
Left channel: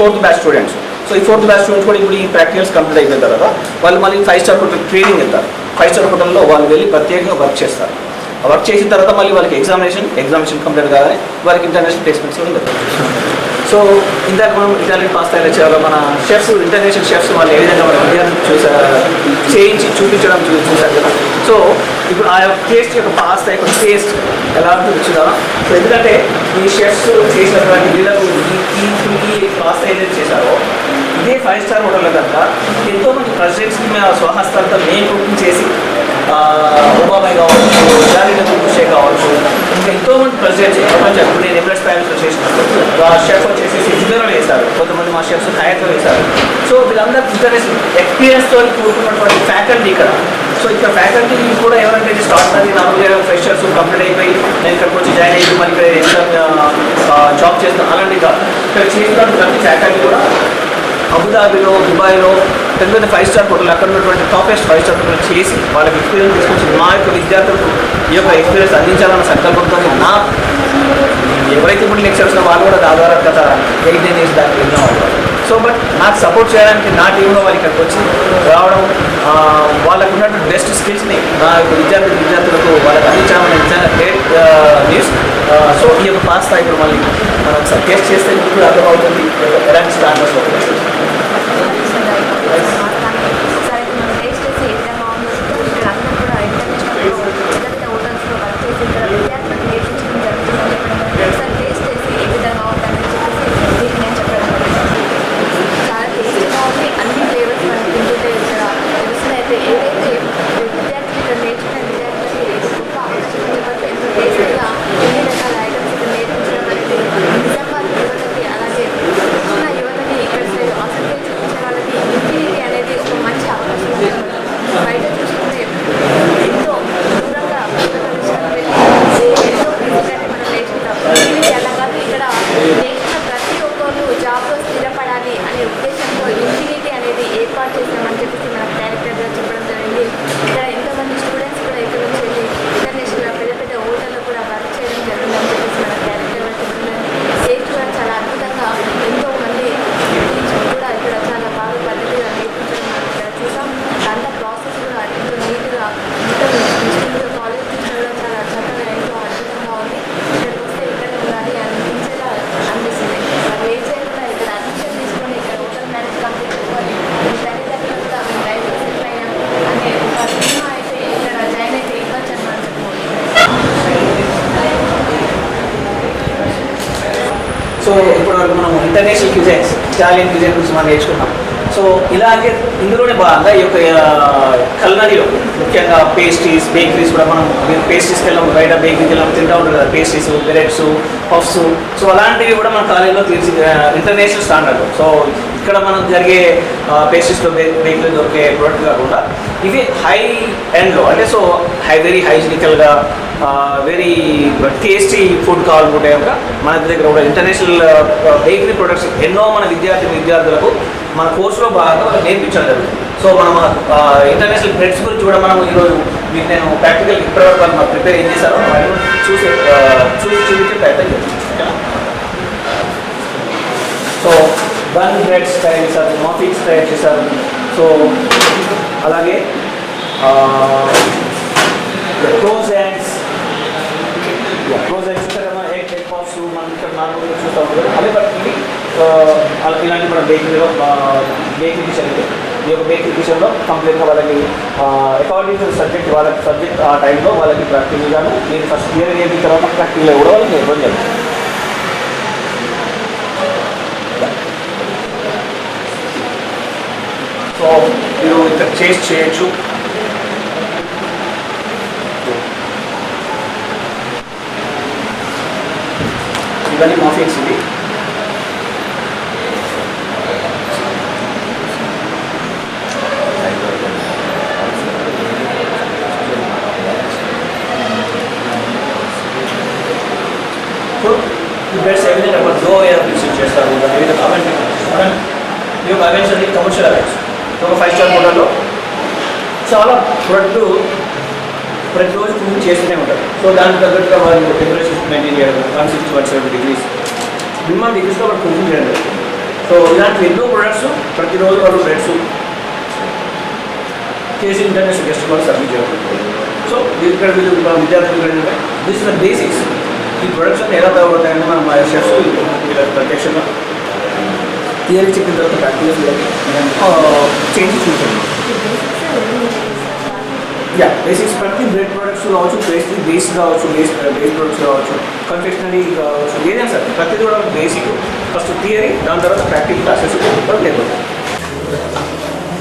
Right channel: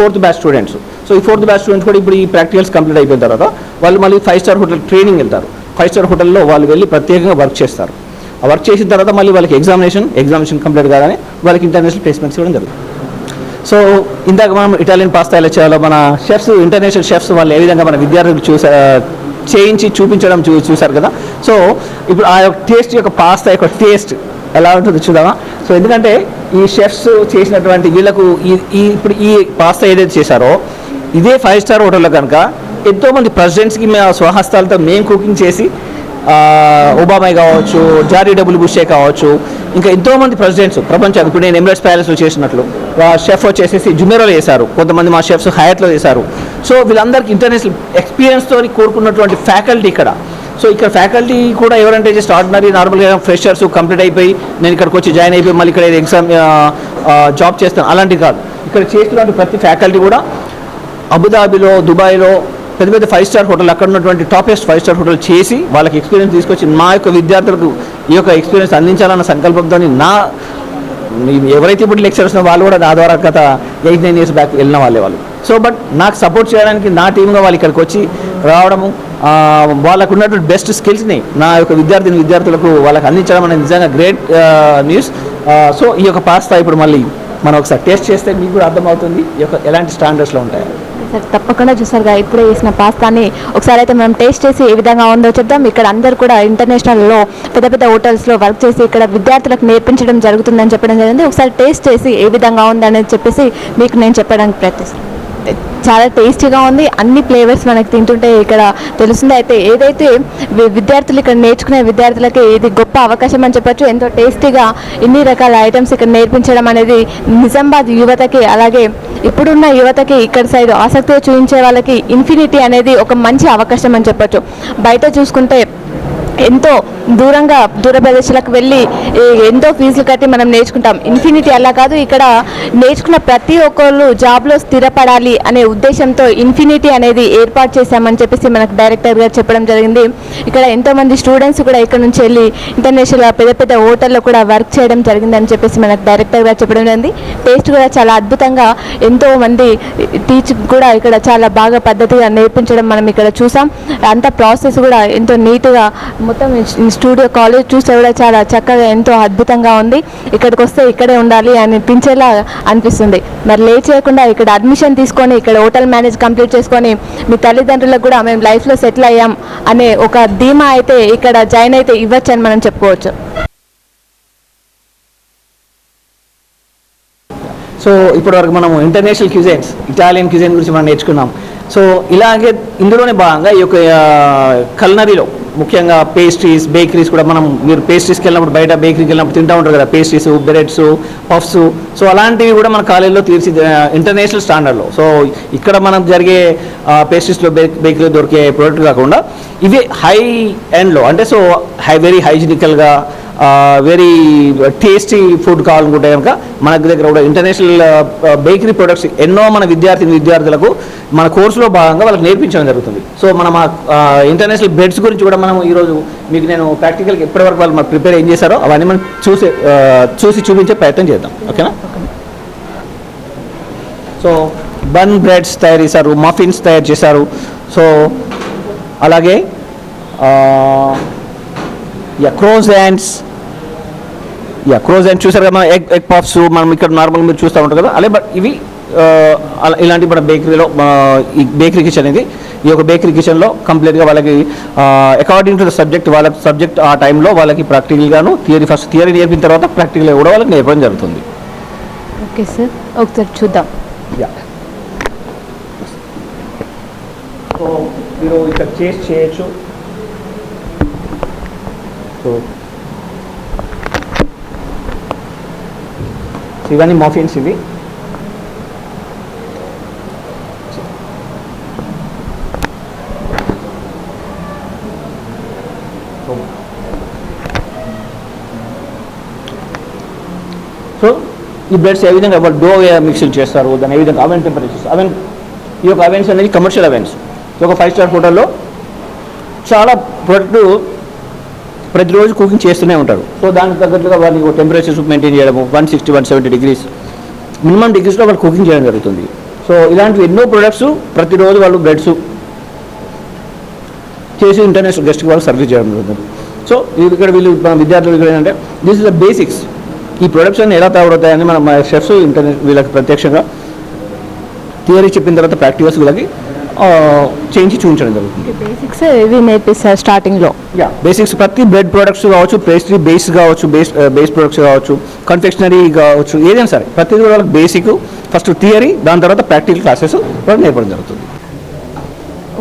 4th బ్యాచ్ స్టూడెంట్స్. సో ఈ 4th బ్యాచ్ స్టూడెంట్స్ కూడా ఇప్పుడు ఈ ప్రాక్టికల్స్ కంప్లీట్ అయిపోయిన తర్వాత వాళ్ళు మళ్ళీ 5-star హోటల్ ట్రైనింగ్ వెళ్తారు. 5-star హోటల్లో వాళ్ళు వెళ్ళి ప్రత్యేకంగా వర్క్ చేస్తారు. ఆ వర్క్ చేసిన తర్వాత మళ్ళీ వాళ్ళకి ఎగ్జామినేషన్ కంప్లీట్ కాగానే వాళ్ళకి ఇంటర్నేషనల్ ప్లేస్మెంట్స్ కూడా జరుగుతుంది. సో ఇందాక మనం ఇటాలియన్ పాస్తా ఎలా చేయాలో మన షెఫ్స్, ఇంటర్నేషనల్ షెఫ్స్ వాళ్ళు ఏ విధంగా మన విద్యార్థులు చేయించి చూపించడం చూశారు కదా. సో ఇప్పుడు ఆ టేస్ట్ యొక్క పాస్తా యొక్క టేస్ట్ ఎలా ఉంటుంది చూద్దామా. సో ఎందుకంటే ఈ షెఫ్స్ చేసినటువంటి వీళ్ళకు ఈ పాస్తా ఏదైతే చేశారో ఇదే 5-star హోటల్లో కనుక ఎంతోమంది ప్రెసిడెంట్స్కి మేము స్వహస్తాలతో మేము కుకింగ్ చేసి, ఒబామా కావచ్చు, జారీ డబ్ల్యూ బుషే కావచ్చు, ఇంకా ఎంతోమంది ప్రెసిడెంట్స్ ప్రపంచం, ఇప్పుడు నేను ఎమిరేట్స్ ప్యాలెస్లో చేసినట్లు షెఫ్ వచ్చేసి డిన్నర్లో చేశారు, కొంతమంది మా షెఫ్స్ హయాట్లో చేశారు. సో వీళ్ళందరికీ ఇంటర్నేషనల్ ఎక్స్పీరియన్స్తో కూడుకున్నటువంటి ఫ్యాకల్టీ ఇక్కడ. సో ఇక్కడ ఫ్యాకల్టీ కూడా ఎవరంటే జస్ట్ ఆర్డినరీ నార్మల్గా ఫ్రెషర్స్ కంప్లీట్ అయిపోయి నేను ఇక్కడికి వచ్చి జాయిన్ అయిపోయి మళ్ళీ ఇక్కడ ఎగ్జామ్ జాబ్ చేస్తాను అలాంటివి కాదు. ఇక్కడ చేసినటువంటి ప్రతి ఫ్యాకల్టీ కూడా అబుదాబిలో, దుబాయ్లో పెద్ద పెద్ద 5-star హోటల్, అక్కడ ఉన్నటువంటి టాపెస్ట్ 5-star హోటల్ చేసి వాళ్ళకి ఎక్స్పీరియన్స్ తీసుకొచ్చి మా యొక్క విద్యార్థులకు ఈ యొక్క ఎక్స్పీరియన్స్ అందించాలన్న సంకల్పంతో ఎవరైతే ఇప్పుడు లెక్చర్స్ వాళ్ళు కూడా ఆ ద్వారా గత 8-9 years దాకా వెళ్ళిన వాళ్ళు. సో బట్ నాకు సపోర్ట్ చేయడానికి నా టీంలో వాళ్ళు ఇక్కడికి వచ్చి రావడం, వాళ్ళకు ఉన్నటువంటి బెస్ట్ స్కిల్స్ని నా యొక్క విద్యార్థులకు వాళ్ళకి అందించడం అనేది నిజంగా గ్రేట్ న్యూస్. సో ఈ యొక్క పాస్తా ఇప్పుడు మళ్ళీ మనం ఒకసారి టేస్ట్ చేస్తే మీకు కూడా అర్థమవుతుంది ఈ యొక్క ఎలాంటి స్టాండర్డ్స్లో ఉంటుంది. తప్పకుండా చూసారు కదా, ఇప్పుడు వేసిన పాస్తాని ఒకసారి అయితే మనం టేస్ట్ చేసి ఏ విధంగా ఉందో చూద్దాం. ఇక్కడ అందరూ కూడా ఇంటర్నేషనల్లో పెద్ద పెద్ద హోటల్స్లో వర్క్ చేసి ఇక్కడ విద్యార్థులకు నేర్పించడం జరుగుతుందని చెప్పడం జరిగింది. ఒకసారి టేస్ట్ చేసి ఏ విధంగా ఉంది అనేది చెప్పేసి మీకు నేను చెప్పడానికి ప్రయత్నిస్తాను. చాలా టేస్టీగా ఉంది, అన్ని ఫ్లేవర్స్ మనకు తింటుంటే ఇక్కడ తెలుస్తుంది. అయితే ఏదైతే విద్యార్థులు ఇక్కడ నేర్చుకునే విద్యార్థులకి ఇది గొప్ప అవకాశం అని చెప్పచ్చు. ఎంతో టేస్టీగా ఇన్ని రకాల ఐటమ్స్ ఇక్కడ నేర్పించడం అనేది నిజామాబాద్ యువతకి, అలాగే ఇప్పుడున్న యువతకి ఇక్కడ సైడ్ ఆసక్తిగా చూపించే వాళ్ళకి ఇన్ఫినిటీ అనేది ఒక మంచి అవకాశం అని చెప్పచ్చు. బయట చూసుకుంటే ఎంతో దూర ప్రదేశాలకు వెళ్ళి ఎంతో ఫీజులు కట్టి మనం నేర్చుకుంటాం. ఇన్ఫినిటీ అలా కాదు, ఇక్కడ నేర్చుకున్న ప్రతి ఒక్కళ్ళు జాబ్లో స్థిరపడాలి అనే ఉద్దేశంతో ఇన్ఫినిటీ అనేది ఏర్పాటు చేశామని చెప్పేసి మనకు డైరెక్టర్ గారు చెప్పడం జరిగింది. ఇక్కడ ఎంతోమంది స్టూడెంట్స్ కూడా ఇక్కడ నుంచి వెళ్ళి ఇంటర్నేషనల్ పెద్ద పెద్ద హోటల్లో కూడా వర్క్ చేయడం జరిగిందని చెప్పేసి మనకు డైరెక్టర్ గారు చెప్పడం జరిగింది. టేస్ట్ కూడా చాలా అద్భుతంగా, ఎంతోమంది టీచర్ కూడా ఇక్కడ చాలా బాగా పద్ధతిగా నేర్పించడం మనం ఇక్కడ చూసాం. అంత ప్రాసెస్ కూడా ఎంతో నీట్గా మొత్తం స్టూడియో కాలేజ్ చూస్తే కూడా చాలా చక్కగా ఎంతో అద్భుతంగా ఉంది. ఇక్కడికి వస్తే ఇక్కడే ఉండాలి అనిపించేలా అనిపిస్తుంది. మరి లేట్ చేయకుండా ఇక్కడ అడ్మిషన్ తీసుకొని ఇక్కడ హోటల్ మేనేజ్ కంప్లీట్ చేసుకొని మీ తల్లిదండ్రులకు కూడా మేము లైఫ్లో సెటిల్ అయ్యాం అనే ఒక ధీమా అయితే ఇక్కడ జాయిన్ అయితే ఇవ్వచ్చు అని మనం చెప్పుకోవచ్చు. సో ఇప్పటివరకు మనం ఇంటర్నేషనల్ క్యూజైన్స్, ఇటాలియన్ క్యూజైన్ గురించి మనం నేర్చుకున్నాం. సో ఇలాగే ఇందులోనే భాగంగా ఈ యొక్క కల్నరీలో ముఖ్యంగా పేస్ట్రీస్, బేకరీస్ కూడా మనం మీరు పేస్ట్రీస్కి వెళ్ళినప్పుడు బయట బేకరీకి వెళ్ళినప్పుడు తింటూ ఉంటారు కదా, పేస్ట్రీస్, బ్రెడ్స్, పఫ్స్. సో అలాంటివి కూడా మన కాలేజీలో ఇంటర్నేషనల్ స్టాండర్డ్లో. సో ఇక్కడ మనం జరిగే పేస్ట్రీస్లో బేకరీలో దొరికే ప్రోడక్ట్ కాకుండా ఇవే హై ఎండ్లో, అంటే సో వెరీ హైజీనికల్గా వెరీ టేస్టీ ఫుడ్ కావాలనుకుంటే కనుక మన దగ్గర కూడా ఇంటర్నేషనల్ బేకరీ ప్రొడక్ట్స్ ఎన్నో మన విద్యార్థులకు మన కోర్సులో భాగంగా వాళ్ళకి నేర్పించడం జరుగుతుంది. సో మనం ఇంటర్నేషనల్ బ్రెడ్స్ గురించి కూడా మనం ఈరోజు మీకు నేను ప్రాక్టికల్ ఇప్పటివరకు వాళ్ళు మాకు ప్రిపేర్ ఏం చేశారో అవన్నీ మనం చూసి చూపించే ప్రయత్నం చేద్దాం, ఓకేనా. సో బన్ బ్రెడ్స్ తయారు చేశారు, మఫిన్స్ తయారు చేశారు. సో అలాగే క్రోజెంట్స్ చూసారు కదా, ఎగ్ పఫ్స్ మనం ఇక్కడ నార్మల్గా మీరు చూస్తూ ఉంటారు కదా, అలాగే బట్ ఇవి ఇలాంటి మన బేకరీలో ఈ బేకరీ కిచెన్ ఇది. ఈ యొక్క బేకరీ కిచెన్లో కంప్లీట్గా వాళ్ళకి అకార్డింగ్ టు ద సబ్జెక్ట్ ఆ టైంలో వాళ్ళకి ప్రాక్టికల్గాను ఫస్ట్ థియరీ నేర్పిన తర్వాత ప్రాక్టికల్గా కూడా వాళ్ళకి నేర్పడం జరుగుతుంది. చూద్దాం. సో మీరు ఇక్కడ టేస్ట్ చేయొచ్చు. ఇవన్నీ మఫిన్స్ ఇవి. సో ఈ బ్రెడ్స్ ఏ విధంగా డో మిక్సింగ్ చేస్తారు, దాన్ని ఏ విధంగా అవెన్ టెంపరేచర్ ఈ యొక్క అవెన్స్ అనేది కమర్షియల్ అవెన్స్. ఈ యొక్క 5 స్టార్ హోటల్లో చాలా ప్రొడక్ట్లు ప్రతిరోజు కుకింగ్ చేస్తూనే ఉంటారు. సో దానికి తగ్గట్టుగా వాళ్ళు టెంపరేచర్స్ మెయింటైన్ చేయడము 160, 170 డిగ్రీస్ మినిమం డిగ్రీస్లో వాళ్ళు కుకింగ్ చేయడం జరుగుతుంది. సో ఇలాంటి ఎన్నో ప్రొడక్ట్స్ ప్రతిరోజు వాళ్ళు బ్రెడ్స్ చేసి ఇంటర్నేషనల్ గెస్ట్ వాళ్ళు సర్వీస్ చేయడం జరుగుతుంది. సో ఇక్కడ వీళ్ళు విద్యార్థులు ఏంటంటే దిస్ ఇస్ ద బేసిక్స్. ఈ ప్రొడక్ట్స్ అన్ని ఎలా తయారవుతాయని మన షెఫ్స్ వీళ్ళకి ప్రత్యక్షంగా థియరీ చెప్పిన తర్వాత ప్రాక్టికల్స్ వీళ్ళకి చేంజ్ చూపించడం జరుగుతుంది. ఇవి నేర్పిస్తారు స్టార్టింగ్లో. బేసిక్స్ ప్రతి బ్రెడ్ ప్రొడక్ట్స్ కావచ్చు, పేస్ట్రీ బేస్ కావచ్చు, బేస్ ప్రొడక్ట్స్ కావచ్చు, కన్ఫెక్షనరీ కావచ్చు, ఏదైనా సార్ ప్రతిదీ కూడా బేసిక్. ఫస్ట్ థియరీ, దాని తర్వాత ప్రాక్టికల్ క్లాసెస్ కూడా నేర్పడం జరుగుతుంది.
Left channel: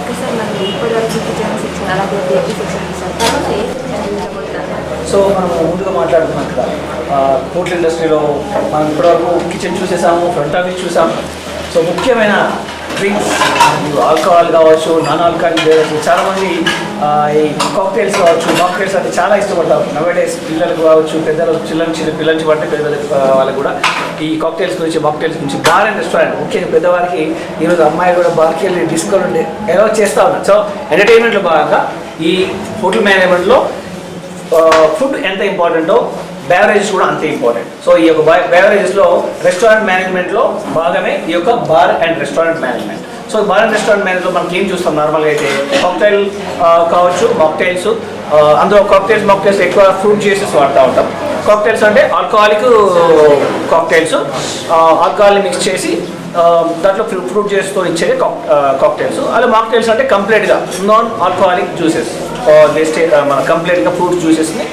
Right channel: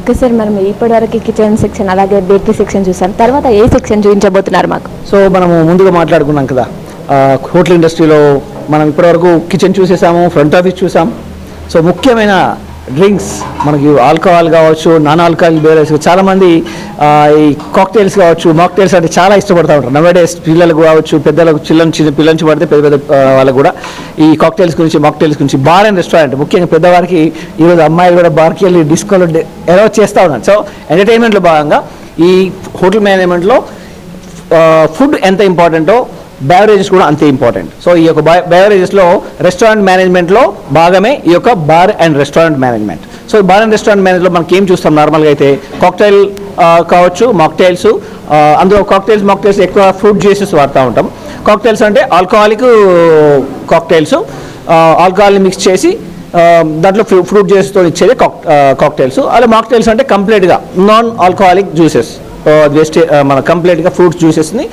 ఓకే సార్, మరి ఇప్పటివరకు కిచెన్ సెక్షన్ అలాగే బేకరీ సెక్షన్ చూసారు, తర్వాత ఏ సెక్షన్ చూపించబోతున్నారు మాకు? సో మనము ముందుగా మాట్లాడుకున్నాం కదా, హోటల్ ఇండస్ట్రీలో మనం ఇప్పటివరకు కిచెన్ చూసేసాము, ఫ్రంట్ ఆఫీస్ చూసాం. సో ముఖ్యమైన డ్రింక్స్ మనకు ఆల్కహాల్ కావచ్చు, నాన్ ఆల్కహాల్ బేరస్, చాలామంది ఈ కాక్టైల్స్ కావచ్చు, మాక్టైల్స్ అంటే చాలా ఇష్టపడతా ఉంటారు. నవేడేస్ పిల్లలకు కావచ్చు, పెద్దలకు చిన్న పిల్లల నుంచి పడితే పెద్ద వాళ్ళకు కూడా ఈ కాక్టైల్స్ గురించి, మాక్టైల్స్ గురించి. బార్ అండ్ రెస్టారెంట్ ముఖ్యంగా పెద్దవారికి ఈరోజు అమ్మాయిలు కూడా బార్కి వెళ్ళి డిస్కోలు అలౌ చేస్తూ ఉన్నారు. సో ఎంటర్టైన్మెంట్లో భాగంగా ఈ హోటల్ మేనేజ్మెంట్లో ఫుడ్ ఎంత ఇంపార్టెంటో బెవరేజెస్ కూడా అంతే ఇంపార్టెంట్. సో ఈ యొక్క బెవరేజెస్లో రెస్టారెంట్ మేనేజ్మెంట్లో భాగమే ఈ యొక్క bar and restaurant management. So bar and restaurant మేనేజ్లో మనకి ఏం చూస్తాం నార్మల్గా అయితే కాక్టైల్ కావచ్చు, మాక్టైల్స్. అందులో మాక్టైల్స్ ఎక్కువ ఫ్రూట్ జ్యూసెస్ వాడుతూ ఉంటాం. కాక్టైల్స్ అంటే ఆల్కహాలిక్ కాక్టైల్స్, ఆల్కహాల్ని మిక్స్ చేసి దాంట్లో ఫ్రూట్ జ్యూస్తో ఇచ్చేది కాక్టైల్స్. అలా మాక్టైల్స్ అంటే కంప్లీట్గా నాన్ ఆల్కహాలిక్ జ్యూసెస్, మన కంప్లీట్గా ఫ్రూట్స్ జ్యూసెస్ని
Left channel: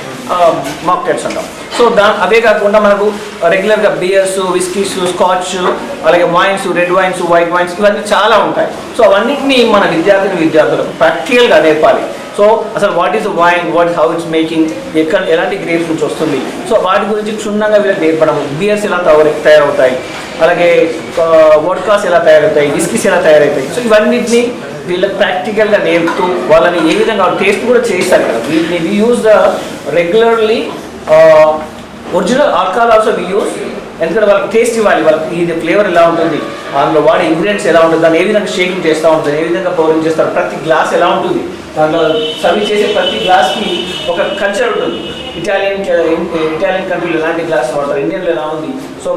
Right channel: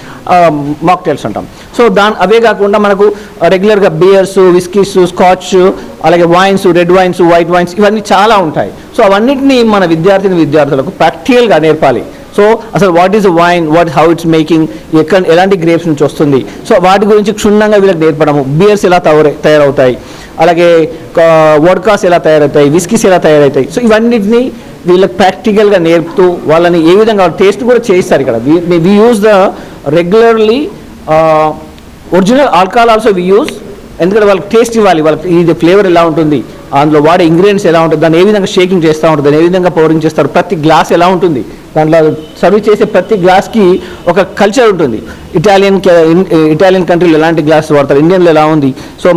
మాక్టైల్స్ అంటాం. సో అవే కాకుండా మనకు రెగ్యులర్గా బియర్స్, విస్కీస్, స్కాచ్, అలాగే wines, red wines, white wines ఇవన్నీ చాలా ఉంటాయి. సో అవన్నిటిని మన విద్యార్థులకు ప్రాక్టికల్గా నేర్పాలి. సో అసలు what is wine, how it's making, ఎలాంటి గ్రేప్స్ నుంచి వస్తుంది, సో వాటి గురించి క్షుణ్ణంగా వీళ్ళకి నేర్పడము. బియర్స్ ఎలా తయారవుతాయి, అలాగే వోడ్కాస్ ఎలా తయారవుతాయి, విస్కీస్ ఎలా తయారవుతాయి. సో ఇవన్నిటిని వీళ్ళకి ప్రాక్టికల్గా నేర్పుతూ వాళ్ళని ఏ విధంగా టేస్ట్ కూడా చేస్తారు. ఇక్కడ we use the regularly original alcohol also we use. ఎందుకంటే వాళ్ళకి టేస్ట్ ఇవ్వాలి, వాళ్ళకి ఇది ఫ్లేవర్ ఎలా ఉంటుంది, అందులో వాడే ఇంగ్రీడియంట్స్ ఎలా ఉంటుంది, దాన్ని ఏ విధంగా షేకింగ్ చేస్తూ ఉంటుంది, దాన్ని ఏ విధంగా పౌరింగ్ చేస్తారు, ప్రతి గ్లాస్ ఎలా ఉంటుంది, దాంట్లో సర్వ్ చేసే ప్రతి గ్లాస్కి ఒక కల్చర్ ఉంటుంది. ఇటాలియన్ కంట్రీలో ఎలాంటి గ్లాస్ వాడతారు, ఇండియన్లో ఎలా ఉంది. సో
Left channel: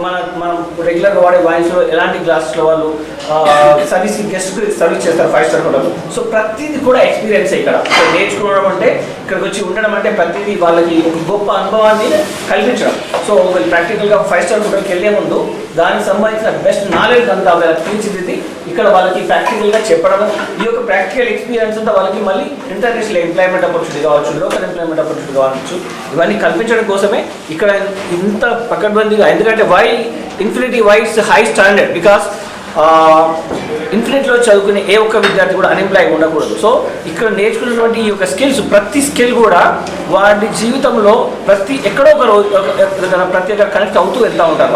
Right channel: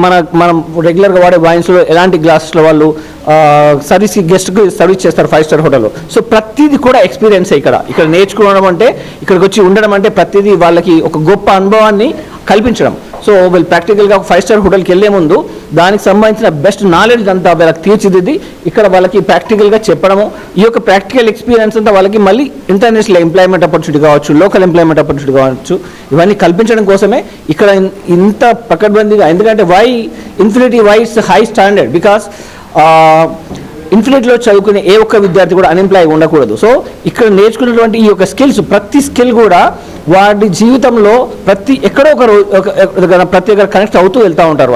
మనం రెగ్యులర్గా వాడే వైన్స్లో ఎలాంటి గ్లాసెస్లో వాళ్ళు గెస్ట్కి సర్వీస్ చేస్తారు 5 స్టార్ హోటల్లో. సో ప్రతిదీ కూడా ఎక్స్పీరియన్స్ ఇక్కడ నేర్చుకోవడం అంటే, ఇక్కడికి వచ్చి ఉండడం అంటే ప్రతిదీ వాళ్ళకి ఒక గొప్ప అనుభవాన్ని కల్పించడం. సో వీళ్ళు ప్రాక్టికల్గా 5 స్టార్ హోటల్కి వెళ్ళే ముందు దానికి సంబంధించిన బెస్ట్ నాలెడ్జ్ అంతా వాళ్ళకి తీర్చిదిద్ది ఇక్కడ వాళ్ళకి ప్రాక్టికల్గా చెప్పడము. ఈ యొక్క ప్రాక్టికల్ ఎక్స్పీరియన్స్ అంతా వాళ్ళకి మళ్ళీ ఇంటర్నేషనల్ ఎంప్లాయ్మెంట్ ఆపర్చునిటీ కావచ్చు, లోకల్ ఎంప్లాయ్మెంట్ ఆపర్చునిటీ కావచ్చు, ఇవన్నీ కల్పించడం కోసమే ఇక్కడ ఇంత పకడ్బందీగా. ఎందుకంటే infinity it's high standard, because ఇన్ఫినిటీలో చదువుకునే ఏ ఒక్క విద్యార్థి కూడా అన్ఎంప్లాయ్ ఉండకూడదు. సో ఇక్కడ నేర్చుకునేటువంటి ఈ యొక్క స్కిల్స్, ప్రతి స్కిల్ కూడా వాడి జీవితంలో ఎక్కడో ఒక రోజు ప్రతి ఒక్కరు కనెక్ట్ అవుతూ వెళ్తూ ఉంటారు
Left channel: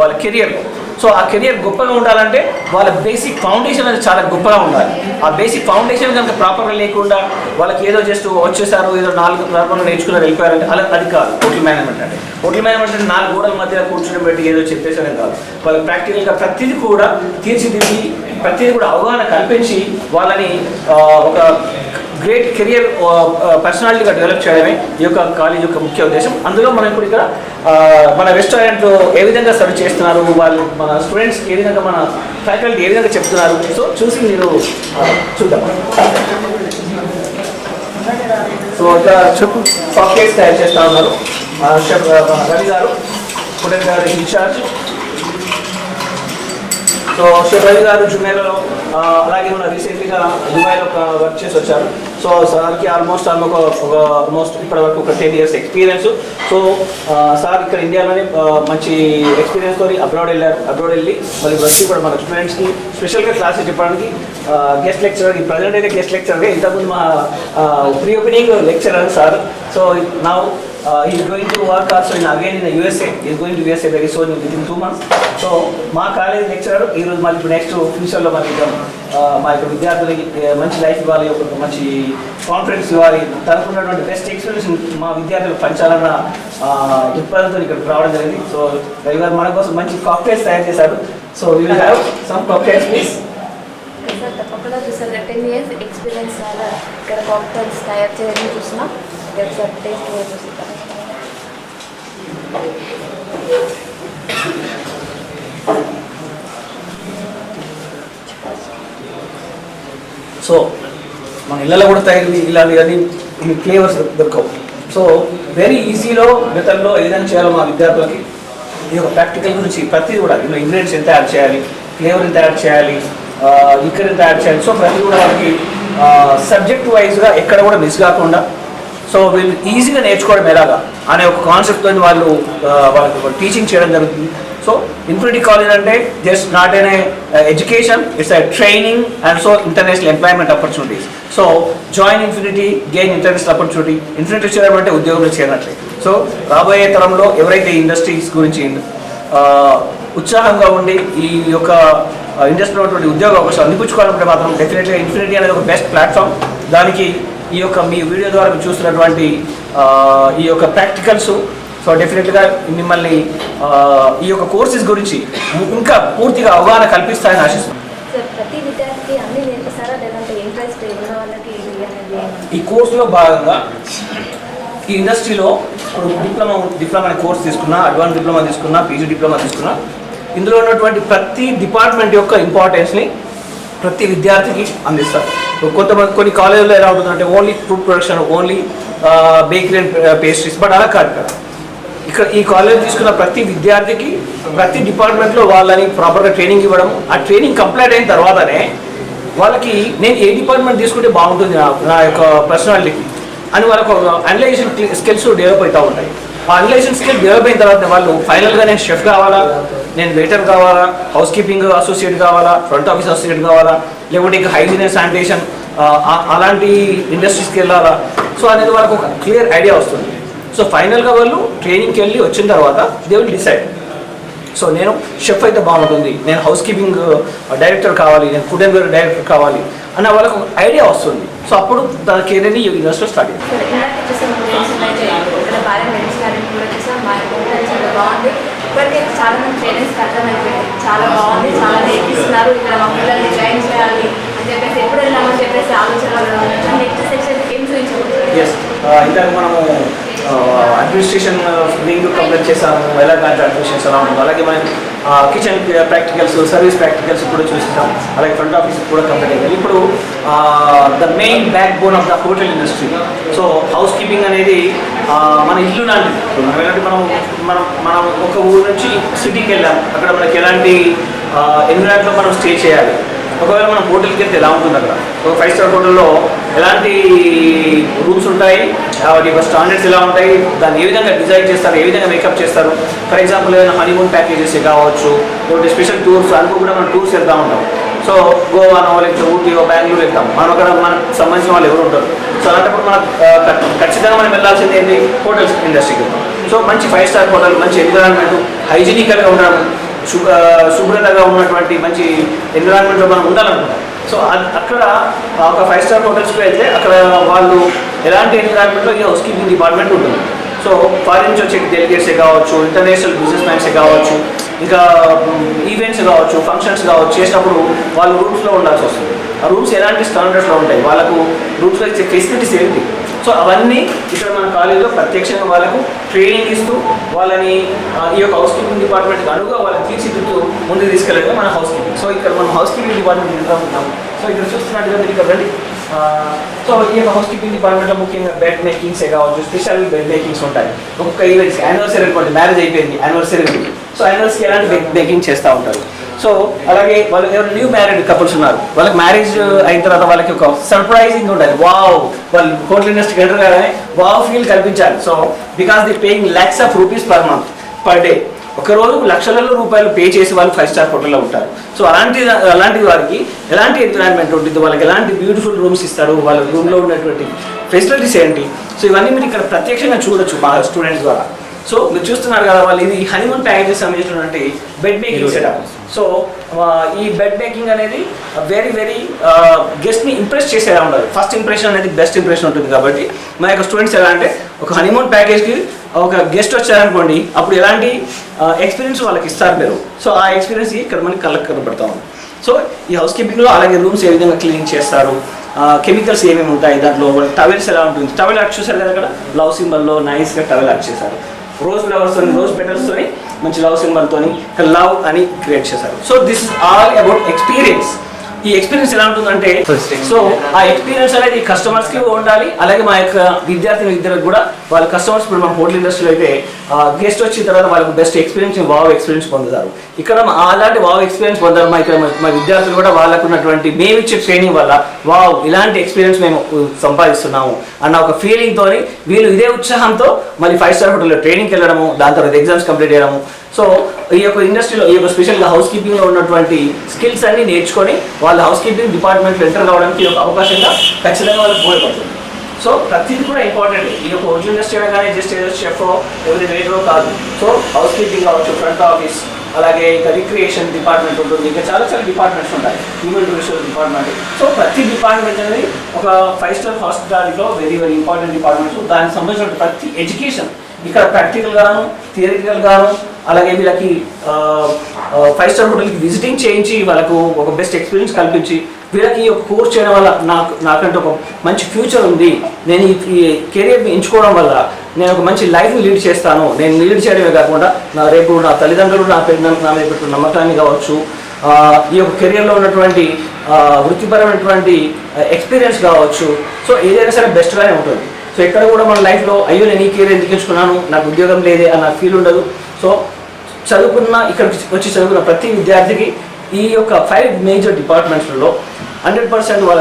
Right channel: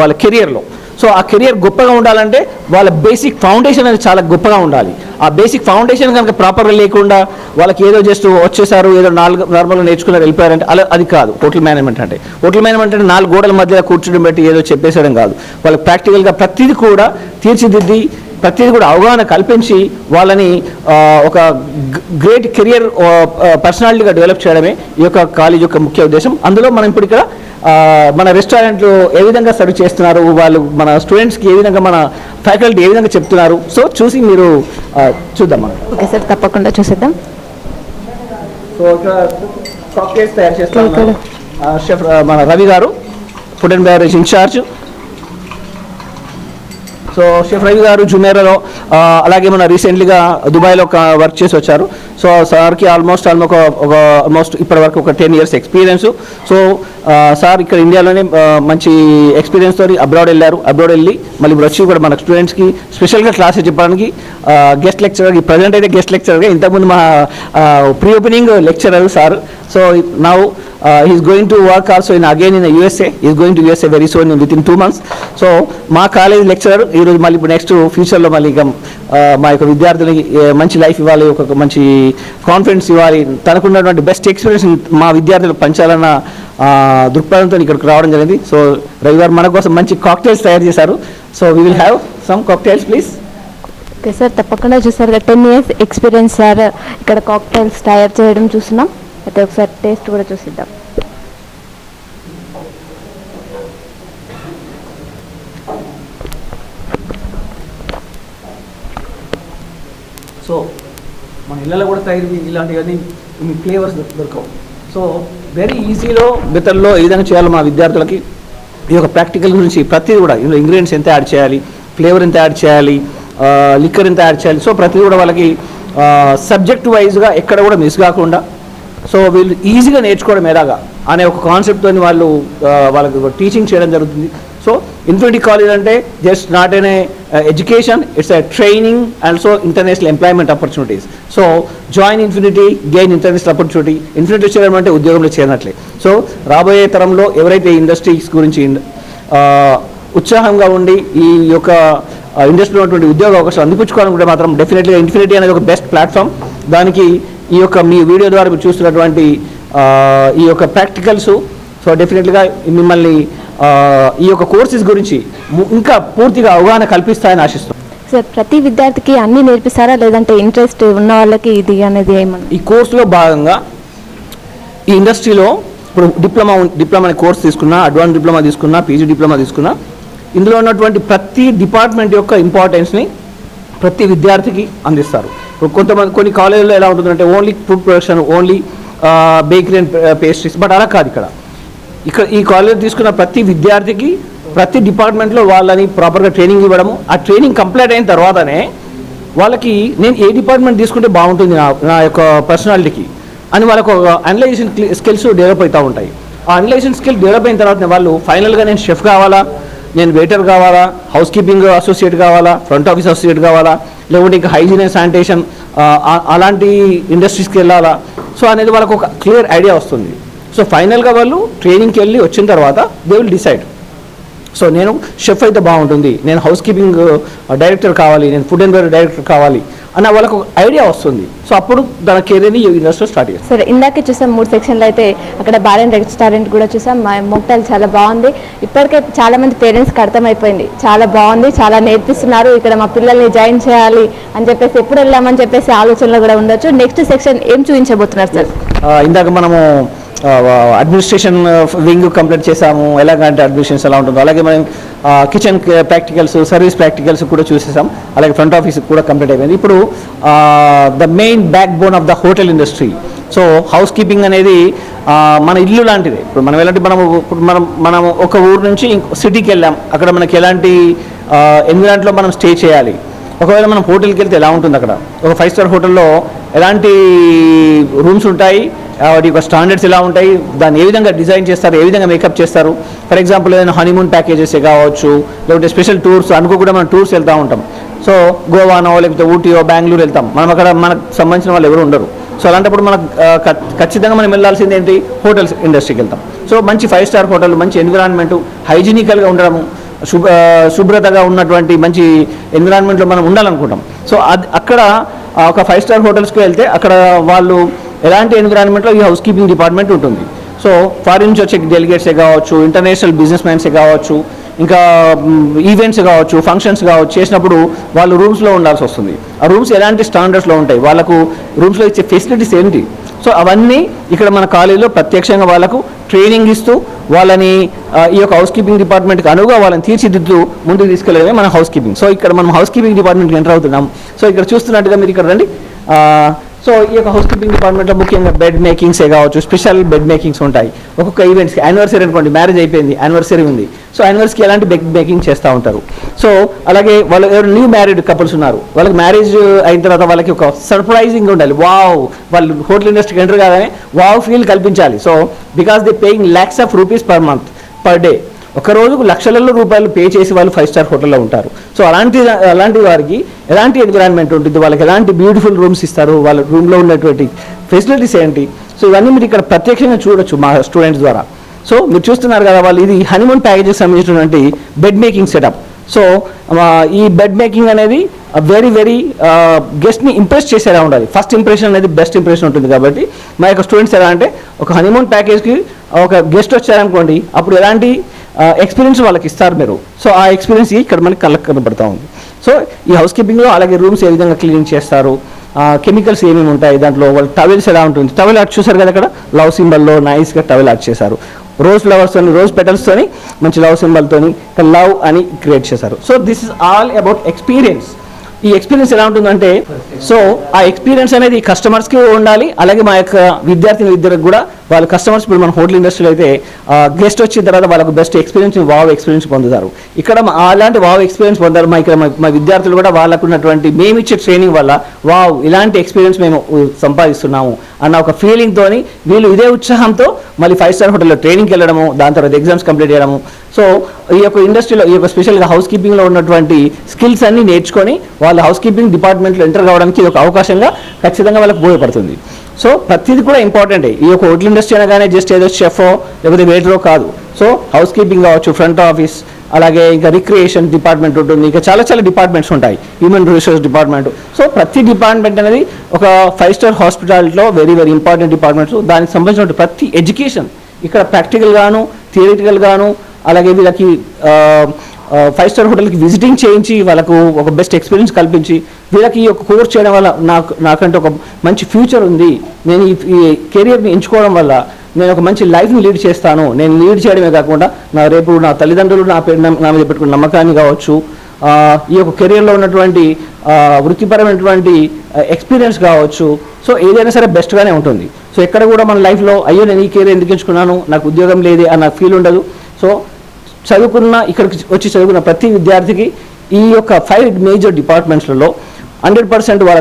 వాళ్ళ కెరియర్లో. సో ఆ కెరియర్ గొప్పగా ఉండాలంటే వాళ్ళ బేసిక్ ఫౌండేషన్ అనేది చాలా గొప్పగా ఉండాలి. ఆ బేసిక్ ఫౌండేషన్ కనుక ప్రాపర్గా లేకుండా వాళ్ళకి ఏదో జస్ట్ వచ్చేసారు, ఏదో నార్మల్గా నేర్చుకుని వెళ్ళిపోయారంటే అది కాదు హోటల్ మేనేజ్మెంట్ అంటే. హోటల్ మేనేజ్మెంట్ అంటే 4 గోడల మధ్య కూర్చుని పెట్టి ఏదో చెప్పేసేయడం కాదు. వాళ్ళకి ప్రాక్టికల్గా ప్రతిదీ కూడా తీర్చిదిద్ది, ప్రతిదీ కూడా అవగాహన కల్పించి వాళ్ళని ఒక గ్రేట్ కెరియర్ పర్సనాలిటీగా డెవలప్ చేయడమే ఈ యొక్క కాలేజ్ యొక్క ముఖ్య ఉద్దేశం. అందులో మనం ఇప్పుడు ఇక్కడ మన రెస్టారెంట్ ఏ విధంగా సర్వ్ చేస్తున్నారు, వాళ్ళు మన స్టూడెంట్స్కి ఏ విధంగా, మన ఫ్యాకల్టీ ఏ విధంగా చెప్తున్నారు, సో చూసి మీరు చూద్దామా? తప్పకుండా చూసేద్దాం. సో చెప్పు సాఫ్ట్వేర్స్ తయారు చేస్తున్నారు మన Ravi garu, food and beverage incharge. So chef Ravi garu జుమేరాలో, అలాగే మన రీసెంట్లీగా దుబాయ్లో వర్క్ చేసి వచ్చారు. సో సార్కి ఆల్మోస్ట్ ఇప్పటి వరకు ఒక 10 years ఎక్స్పీరియన్స్. సో సార్ ఇక్కడ ఇండియాలోనే మంచి ఎక్స్పీరియన్స్ తోటి అబ్రాడ్ వెళ్ళి మళ్ళీ వచ్చి కూడా మన స్టూడెంట్స్కి స్పెషల్గా క్లాసెస్ చెప్పడానికి గెస్ట్ లెక్చరర్, ప్రజెంట్ అయితే గెస్ట్ లెక్చరర్గా, ఇంతకుముందు మా pre opening lecturer sir. So now he's going to work also again in the USA. He's going to USA very soon, within 2 months. So మా కాలేజ్ లెక్చరర్ ఈరోజు మళ్ళీ ఇప్పుడు next ఫ్యూచర్లో మళ్ళీ మా యొక్క విద్యార్థులకి మంచి లైఫ్ ఇవ్వాలి, ఒక మంచి కాన్ఫిడెన్స్ ఇవ్వాలి, తనకున్నటువంటి బెస్ట్ ఎక్స్పీరియన్స్ మా విద్యార్థులకు పంచాలన్న దృక్పథంతో ఇక్కడికి రావడం జరిగింది. సో రవి గారు మన కోసం మంచి కాక్టైల్స్ తయారు చేశారు. So we will have some cocktails please. Okay sir, తప్పకుండా చూసారు. 10 years ఎక్స్పీరియన్స్ సార్ ఇక్కడ కాక్టైల్స్ తయారు చేయడం చూసినాం. అయితే ఒకసారి టేస్ట్ కూడా చూసిద్దాం. సో మన ఇళ్ళలో కూడా తయారీ ఇలాంటివన్నీ ఫ్లేవర్స్ దొరకవు. సో వెరీ ఈజీలో మెథడ్లో ఏ విధంగా చేయాలో మా విద్యార్థులకి ఈ యొక్క ప్రాక్టికల్ గురించి ప్రతిదీ కూడా, ఇందులో ఇంగ్రీడియంట్స్ ఎంత యాడ్ చేయాలి, ఫ్లేవర్ ఎంత యాడ్ చేయాలి, లిక్కర్ ఎంత యాడ్ చేయాలి, సో ప్రతిదీ కూడా వాళ్ళకి సబ్జెక్ట్ వైజ్గా ఎక్కడ కూడా మిస్ కాకుండా, సో వీళ్ళు ఈజీగా నేర్చుకోవడం ఎలాగా అనే ఒక కాన్సెప్ట్తో వాళ్ళకి టీచింగ్ చేయడం జరుగుతుంది. సో ఇన్ఫినిటీ కాలేజ్ అంటే just not an education, it's a training and so international employment opportunities. So join infinity, gain international opportunity. Infinity చేయడం అంటే ఉద్యోగంలో చేరినట్లే. సో రాబోయే తరంలో ఎవరైతే ఇండస్ట్రీస్ గురించి ఉత్సాహంగా ఉండి ఈ యొక్క ఇండస్ట్రీలో ఉన్నటువంటి ఉద్యోగ అవకాశాలు అందిపుచ్చుకోవాలనుకుంటే మాత్రం డెఫినెట్లీ ఇన్ఫినిటీ అనేది ఒక బెస్ట్ ప్లాట్ఫామ్. దానికి ఈ యొక్క మీ వీడియో ద్వారా మీరు చూస్తున్నటువంటి ఈ యొక్క ప్రాక్టికల్స్, సో డెఫినెట్గా మిమ్మల్ని ఈ యొక్క కోర్సెస్ గురించి ఇంకా పూర్తిగా అవగాహన కల్పిస్తాయని ఆశిస్తున్నాను. సార్ ప్రతి విద్యార్థికి అన్నీ నేర్పిస్తారా, లేదంటే ఇంట్రెస్ట్ ఉన్న వాళ్ళకి ఇది అనేది ఏమన్నా? ఈ కోర్సులో భాగంగా ఈ ఇండస్ట్రీలో ఇప్పుడు డిప్లొమా కోర్స్ తీసుకున్నా, అడ్వాన్స్ డిప్లొమా తీసుకున్నా, పీజీ డిప్లొమా తీసుకున్నా, ఇందులో ఉన్నటువంటి ప్రతి డిపార్ట్మెంట్ యొక్క ఇంపార్టెన్స్ని ప్రతి విద్యార్థికి అందిస్తారు. కొన్ని కాలేజీలో ఎలా ఉంటుందంటే only food production, only bakery and pastries, but అలా కాదు. ఇక్కడ ఈ కాలేజ్ తీసుకున్న ప్రతి విద్యార్థికి ప్రతి డిపార్ట్మెంట్లో వాళ్ళని ప్రాపర్గా ట్రైనింగ్ ఇవ్వడం, ఆ ట్రైనింగ్ కంప్లీట్ అయిన తర్వాతనే వాళ్ళకి నేను ఏ డిపార్ట్మెంట్ తీసుకుంటే బాగుంటుంది నా యొక్క పర్సనాలిటీకి అని వాళ్ళకు ఒక అనలైజేషన్ స్కిల్స్ డెవలప్ అవుతూ ఉంటాయి. ఆ అనలైజేషన్ స్కిల్ డెవలప్ అయిన తర్వాత వాళ్ళు ఫైనల్గా నేను షెఫ్ కావాలా, నేను వెయిటర్ కావాలా, హౌస్ కీపింగ్ అసోసియేట్ కావాలా, ఫ్రంట్ ఆఫీస్ అసోసియేట్ కావాలా, లేకపోతే ఇంకా హైజీన్ అండ్ శానిటేషన్ అలాంటి ఇండస్ట్రీస్కి వెళ్ళాలా, సో అనేది వాళ్ళకు ఒక క్లియర్ ఐడియా వస్తుంది. సో ఫైనల్గా వాళ్ళు ట్రైనింగ్కి వెళ్ళి వచ్చిన తర్వాత దే విల్ డిసైడ్, సో నేను షెఫ్ అయితే బాగుంటుంది, నేను హౌస్ కీపింగ్ డైరెక్టర్ కావాలి, నేను ఫుడ్ అండ్ బెవరేజ్ డైరెక్టర్ కావాలి అన్న వాళ్ళకు ఐడియా వస్తుంది. సో అప్పుడు దాని కెరీర్ని ఈ ఇండస్ట్రీలో స్టార్ట్ చేయాలి. సరే, ఇందాకే చూసాం 3 సెక్షన్లు అయితే ఇక్కడ బార్ అండ్ రెస్టారెంట్ కూడా చూసాం. మా మొక్కలు చాలా బాగుంది. ఇప్పటికే చాలా మంది పేరెంట్స్కి అర్థమైపోయింది, చాలా బాగుంది, చాలా నేర్పిస్తున్నారు, ఇక్కడ మా పిల్లల్ని జాయిన్ చేయాలి అని చెప్పేసి ఎప్పుడు వెళ్ళామని చెప్పేసి ఆలోచనలో కూడా ఉండొచ్చు. నెక్స్ట్ సెక్షన్ ఏం చూపించబోతున్నారు సార్? ఇందాక మనము అడ్మినిస్ట్రేషన్ వింగ్ కంప్లీట్ చేసాము, ఎలాగంటే అడ్మినిస్ట్రేషన్ ఎలా ఉంటుందో, అలాగే మనం కిచెన్ ప్రాక్టికల్స్, సర్వీస్ ప్రాక్టికల్స్ కూడా చూసేసాం, అలాగే ఫ్రంట్ ఆఫీస్ కూడా కంప్లీట్ అయింది. ఇప్పుడు the main back bone of the hotel industry. So house keeping అనేది మన ఇల్లు లాంటిది. ఇప్పుడు మనం ఎలాంటి మనం ఒక ఊరు నుంచి సిటీకి వెళ్ళాం, అక్కడ మనకి ఎలాంటి ఎన్విరాన్మెంట్లో మనం స్టే చేయాలి, ఒకవేళ మనం హోటల్కి వెళ్తే ఎలా ఉంటుంది, అక్కడ ఒక 5 స్టార్ హోటల్లో ఎలాంటి రూమ్స్ ఉంటాయి, వాటి యొక్క స్టాండర్డ్స్ ఎలా ఉంటాయి, దాన్ని ఏ విధంగా డిజైన్ చేస్తారు, ఏ విధంగా మేకప్ చేస్తారు. ఫర్ ఎగ్జాంపుల్ ఏదైనా హనీమూన్ ప్యాకేజెస్ కావచ్చు, లేకపోతే స్పెషల్ టూర్స్ అనుకోకుండా మనం టూర్స్ వెళ్తూ ఉంటాం. సో గోవానో లేకపోతే ఊటీయో బెంగళూరు వెళ్తాం, మనం అక్కడ మనకు సంబంధించిన వాళ్ళు ఎవరు ఉండరు. సో అలాంటప్పుడు మనకు ఖచ్చితంగా మనం వెళ్ళాల్సింది ఏంటి, హోటల్స్ ఇండస్ట్రీకి వెళ్తాం. సో మంచి 5 స్టార్ హోటల్, మంచి ఎన్విరాన్మెంట్, హైజీనికల్గా ఉండడం, శుభ్రతగా ఉన్నటువంటి మంచి ఎన్విరాన్మెంట్లో మనం ఉండాలనుకుంటాం. సో అక్కడ ఒక 5 స్టార్ హోటల్స్కి వెళ్తే అక్కడ వాళ్ళు ఎలాంటి ఎన్విరాన్మెంట్లో ఈ హౌస్ కీపింగ్ డిపార్ట్మెంట్ ఉంటుంది. సో ఫారిన్ నుంచి వచ్చే డెలిగేట్సే కావచ్చు, ఇంటర్నేషనల్ బిజినెస్ మ్యాన్సే కావచ్చు, ఇంకా ఈవెంట్స్ కావచ్చు, ఫంక్షన్స్ కావచ్చు, చేసినప్పుడు వాళ్ళు రూమ్స్లో ఉండాల్సి వస్తుంది. ఆ రూమ్స్ ఎలాంటి స్టాండర్డ్స్లో ఉంటాయి, వాళ్ళకు రూమ్స్లో ఇచ్చే ఫెసిలిటీస్ ఏంటి, సో అవన్నీ ఇక్కడ మన కాలేజీలో ప్రత్యక్షంగా వాళ్ళకు ట్రైనింగ్ ఇస్తూ వాళ్ళని ఈ యొక్క హౌస్ కీపింగ్ డిపార్ట్మెంట్కి అనువుగా వాళ్ళని తీర్చిదిద్దుతూ ముందుకు తీసుకెళ్ళడమే మన హౌస్ కీపింగ్. సో ఇక్కడ మనం హౌస్ కీపింగ్ డిపార్ట్మెంట్కి ఎంటర్ అవుతున్నాం. సో ఇక్కడ చూస్తున్నట్టుగా మీరు ఇక్కడ రండి. సో ఈ యొక్క హౌస్ కీపింగ్ డిపార్ట్మెంట్లో ముఖ్యంగా బెడ్ మేకింగ్సే కావచ్చు, స్పెషల్ బెడ్ మేకింగ్స్ ఉంటాయి. ఒక్కొక్క ఈవెంట్స్, యానివర్సరీ అనుకోండి, మ్యారేజ్ అయిపోయింది, యానివర్సరీ ఉంది, సో యానివర్సరీకి ఎలాంటి బెడ్ మేకింగ్ చేస్తూ ఉంటారు. సో అలాగే వాళ్ళు ఎవరు న్యూ మ్యారీడ్ కపుల్స్ ఉన్నారు, వాళ్ళకి మ్యారేజ్ అయిన తర్వాత వాళ్ళకి ఒక సర్ప్రైజింగ్ ఉండాలి, వావ్, వాళ్ళు హోటల్ ఇండస్ట్రీకి ఎంటర్ కాగానే వావ్ ఫీల్ కల్పించాలి. So because they paying lakhs of rupees per month, per day. ఒక రోజుకు లక్షలలో రూపాయలు పే చేసి వాళ్ళు 5 స్టార్ హోటల్లో ఉంటారు. సో అలాంటి వారికి ఎలాంటి ఎన్విరాన్మెంట్ ఉంటుంది, వాళ్ళకి ఎలాంటి బ్యూటిఫుల్ రూమ్స్ ఇస్తారు, వాళ్ళ రూమ్లో ఉన్నటువంటి ఫెసిలిటీస్ ఏంటి, సో ఇవన్నీ మీరు ఇక్కడ ప్రత్యక్షంగా చూడొచ్చు మా స్టూడెంట్స్ ద్వారా. సో మీరు చూస్తున్నారు కదా, వాళ్ళు ఇది హనీమూన్ ప్యాకేజెస్ సంబంధించినటువంటి బెడ్ మేకింగ్ సెటప్. సో ఈ బెడ్ మేకింగ్ అనేది వెరీ గెస్ట్ని ఇంప్రెస్ చేసేలా ఉండాలి. ఫస్ట్ ఇంప్రెషన్ అనేది బెస్ట్ ఇంప్రెషన్ ఉంటుంది. కాబట్టి మా యొక్క స్టూడెంట్స్ ఎలా అంటే ఒక హనీమూన్ ప్యాకేజ్కి ఒక గెస్ట్ వచ్చారనుకోండి, అప్పుడు ఎలాంటి ఎక్స్పీరియన్స్ వాళ్ళకి ఇస్తారు మీరు. సో ఆ ఎక్స్పీరియన్స్కి ఇక్కడ మనకి కళ్ళకు కనబడతా ఉంది. సో ఈ హౌస్ కీపింగ్లో అలాగే రూమ్స్ ఏ విధంగా క్లీనింగ్ చేస్తారు, కెమికల్స్ ఏమేమి ఉంటాయి, దాంట్లో వాళ్ళ టవెల్స్ ఎలా ఉంటుంది, టవెల్ ఆర్ట్ చూసారు కదా, అక్కడ లవ్ సింబల్లో నైస్గా టవెల్ ఆర్ట్ చేశారు. రోజ్ ఫ్లవర్స్తోని, రోజ్ పెటల్స్తోని మంచి లవ్ సింబల్తోని లవ్ అని క్రియేట్ చేశారు. So this is all about experience. ఈ ఎక్స్పీరియన్స్ ఎలా ఉంటుందంటే, సో ఆ ఎక్స్పీరియన్స్ అనేది కస్టమర్స్కి ఉండాలి, అలాగే మా యొక్క విద్యార్థులకు కూడా. వాళ్ళ కస్టమర్స్ ఇప్పుడు మన హోటల్ ఇండస్ట్రీలో అయితే గెస్ట్ వచ్చిన తర్వాత వాళ్ళకు బెస్ట్ ఎక్స్పీరియన్స్, వావ్ ఎక్స్పీరియన్స్ పొందుతారు. ఇక్కడ అలాంటి వావ్ ఎక్స్పీరియన్స్ పొందారు మా విద్యార్థులు కూడా. వాళ్ళకు ఉన్నటువంటి మేమిచ్చే ట్రైనింగ్ వల్ల వావ్ ఇలాంటి ఎక్స్పీరియన్స్ మేము సంపాదిస్తున్నాము అన్న ఒక ఫీలింగ్తో వీళ్ళు ఇదే ఉత్సాహంతో మళ్ళీ 5 స్టార్ హోటల్లో ట్రైనింగ్కి వెళ్ళడము, దాని తర్వాత ఎగ్జామ్స్ కంప్లీట్ చేయడము. సో ఈ యొక్క ఇండస్ట్రీలో ఈ యొక్క స్పెషల్గా హౌస్ కీపింగ్లో ఉన్నటువంటి స్కిల్స్ అన్ని నేర్చుకొని వాళ్ళ హౌస్ కీపింగ్ డిపార్ట్మెంట్లో ఎంటర్ కావడానికి ఒక అవకాశంగా ఖచ్చితంగా వాళ్ళకి ఉపయోగపడుతుంది. సో ప్రతిదీ కూడా ఇంపార్టెంటే. ఈ యొక్క హోటల్ ఇండస్ట్రీ అనగానే జస్ట్ ఏదో షెఫో లేకపోతే వెయిటరో కాదు. సో హౌస్ కీపింగ్ కావచ్చు, ఫ్రంట్ ఆఫీస్, అలాగే ఇంకా రిక్రియేషన్ డిపార్ట్మెంట్ ఉంటుంది, ఇంకా చాలా డిపార్ట్మెంట్స్ ఉంటాయి, హ్యూమన్ రిసోర్స్ డిపార్ట్మెంట్. సో ప్రతి డిపార్ట్మెంట్ అనేది ఒక 5 స్టార్ హాస్పిటాలిటీలో వెరీ ఇంపార్టెంట్ డిపార్ట్మెంట్స్. దానికి సంబంధించిన ప్రతి ఎడ్యుకేషన్ ఇక్కడ ప్రాక్టికల్ గాను, థియరిటికల్ గాను, అలాగే వీళ్ళకి 5 స్టార్ హోటల్కి విజిటింగ్ చేయించి వాళ్ళకు ఒక బెస్ట్ ఎక్స్పీరియన్స్ కల్పించి వీళ్ళకి ఈ యొక్క కోర్స్ చేయడం వల్ల నాకంటే ఒక మంచి ఫ్యూచర్ ఉంది, నేను ఈ కెరియర్ని ఎంచుకోవడం వల్ల నేను ఒక మంచి లైఫ్ని లీడ్ చేస్తాను, నేను లీడ్ చేయడమే కాకుండా రేపు నా తల్లిదండ్రులు నా మీద పెట్టుకున్న నమ్మకాన్ని కావచ్చు, ఈ యొక్క కెరియర్లో ఉన్నటువంటి వృత్తిపరమైనటువంటి ఎక్స్పీరియన్స్ కావచ్చు, సో ఏదైనా సరే బెస్ట్గానే ఉంటుంది. సో ఎక్కడ కూడా మన లైఫ్లో అయ్యో నేను ఈ కెరియర్ ఎందుకు ఎంచుకున్నాను, నాకు ఉద్యోగం లేదే అన్న ఫీల్ ఉండదు. సో ఇక్కడికి వచ్చి చదువుకున్న ప్రతి విద్యార్థికి ఈ యొక్క 5 మేజర్ డిపార్ట్మెంట్స్లలో 100% వాళ్ళ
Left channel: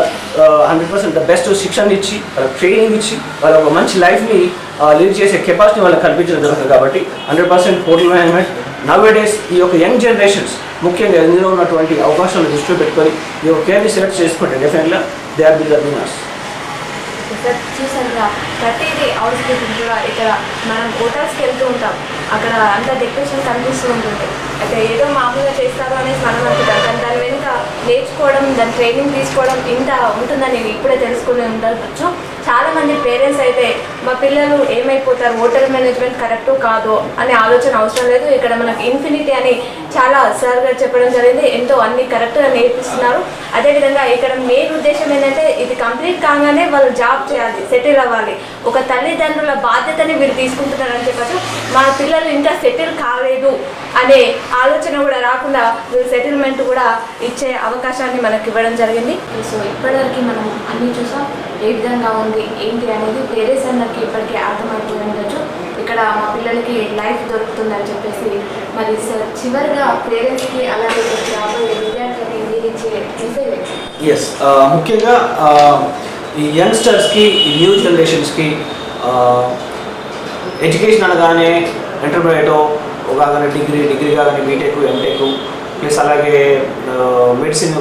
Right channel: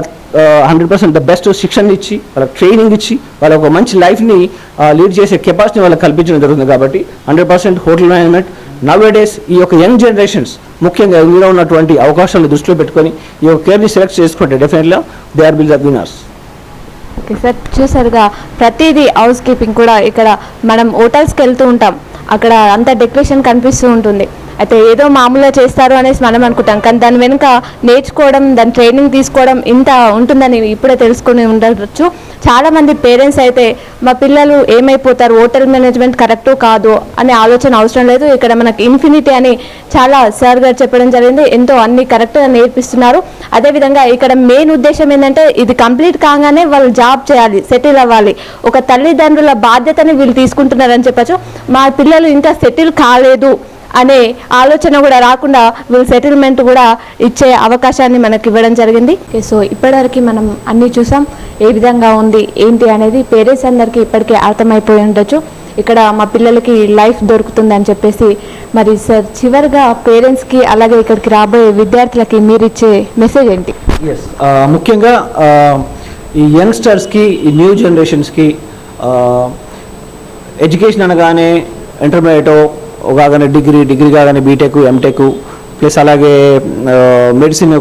100% ద బెస్ట్ శిక్షణ ఇచ్చి, వాళ్ళ ట్రైనింగ్ ఇచ్చి, వాళ్ళ ఒక మంచి లైఫ్ని లీడ్ చేసే కెపాసిటీ వాళ్ళకి కల్పించడం జరుగుతుంది. కాబట్టి 100% హోటల్ మేనేజ్మెంట్ నవేడేస్ ఈ యొక్క యంగ్ జనరేషన్స్ ముఖ్యంగా ఇందులో ఉన్నటువంటి అవకాశాలు దృష్టిలో పెట్టుకొని ఈ యొక్క కేర్ని సెలెక్ట్ చేసుకుంటే డెఫినెట్గా they are will the winners. Sir చూసారుగా ప్రతిదీ హౌస్ కీపింగ్ కూడా ఇక్కడ మనం హోటల్స్కి వెళ్తూ ఉంటాం, అక్కడ అంత డెకరేషన్ కనిపిస్తూ ఉంటుంది. అయితే ఏదో మామూలుగా చేస్తారు అనేసి మనం అనుకుంటాం, కానీ దాని వెనుక నేర్చుకోవడం, దాని ట్రైనింగ్ తీసుకోవడం ఇంత ఉంటుందని ఇప్పుడే తెలుసుకొని ఉండవచ్చు. చాలామంది పేరెంట్స్ అయితే మా పిల్లలు ఏమైపోతారు, హోటల్ మేనేజ్మెంట్ కరెక్ట్ కాదు అనే ఆలోచన అవసరం లేదు, ఇక్కడ మనకి ఇన్ఫినిటీ అని చాలా సార్ గారు చెప్పడం జరిగింది. ఎంతో అన్ని కరెక్ట్గా నేర్పిస్తున్నారు. అదేవిధంగా ఇక్కడ మెయిన్ ఉద్దేశం ఏంటంటే ఇది కంప్లీట్ కాగానే వాళ్ళు జాబ్ చేయాలి, సెటిల్ అవ్వాలి, ఒక తల్లిదండ్రుల బాధ్యతని వీళ్ళు తీసుకుంటున్నారని చెప్పచ్చు. మా పిల్లలు ఇంకా సెటిల్ కాలేదు అనే ఆలోచన కూడా రాకుండా వీళ్ళు సెటిల్మెంట్ కూడా ఇచ్చే అవకాశాన్ని మనకి ఇవ్వడం జరిగింది. సో ఇప్పటివరకు మనం అన్నీ చూసాం, ఏ విధంగా ఉంది ఏంటి అనేది పేరెంట్స్ అందరికీ ఇప్పటికే అర్థమైపోయి ఉండొచ్చు. ఇక్కడ మా పిల్లలకి లైఫ్ దొరుకుతుంది అని చెప్పేసి. మరి సార్ చివరిగా పేరెంట్స్కి అలాగే ఇక్కడికి రాబోయే విద్యార్థులకి మీరు ఇచ్చే మెసేజ్ ఏంటి? ముఖ్యంగా ఈ యంగ్స్టర్స్కి, ఈ న్యూ జనరేషన్స్కి ఎడ్యుకేషన్ అనగానే ఇంటర్మీడియటో కాగానే డిగ్రీ కాగానే బీటెక్, ఎంటెక్ ప్లస్ అలాగే మెడిసిన్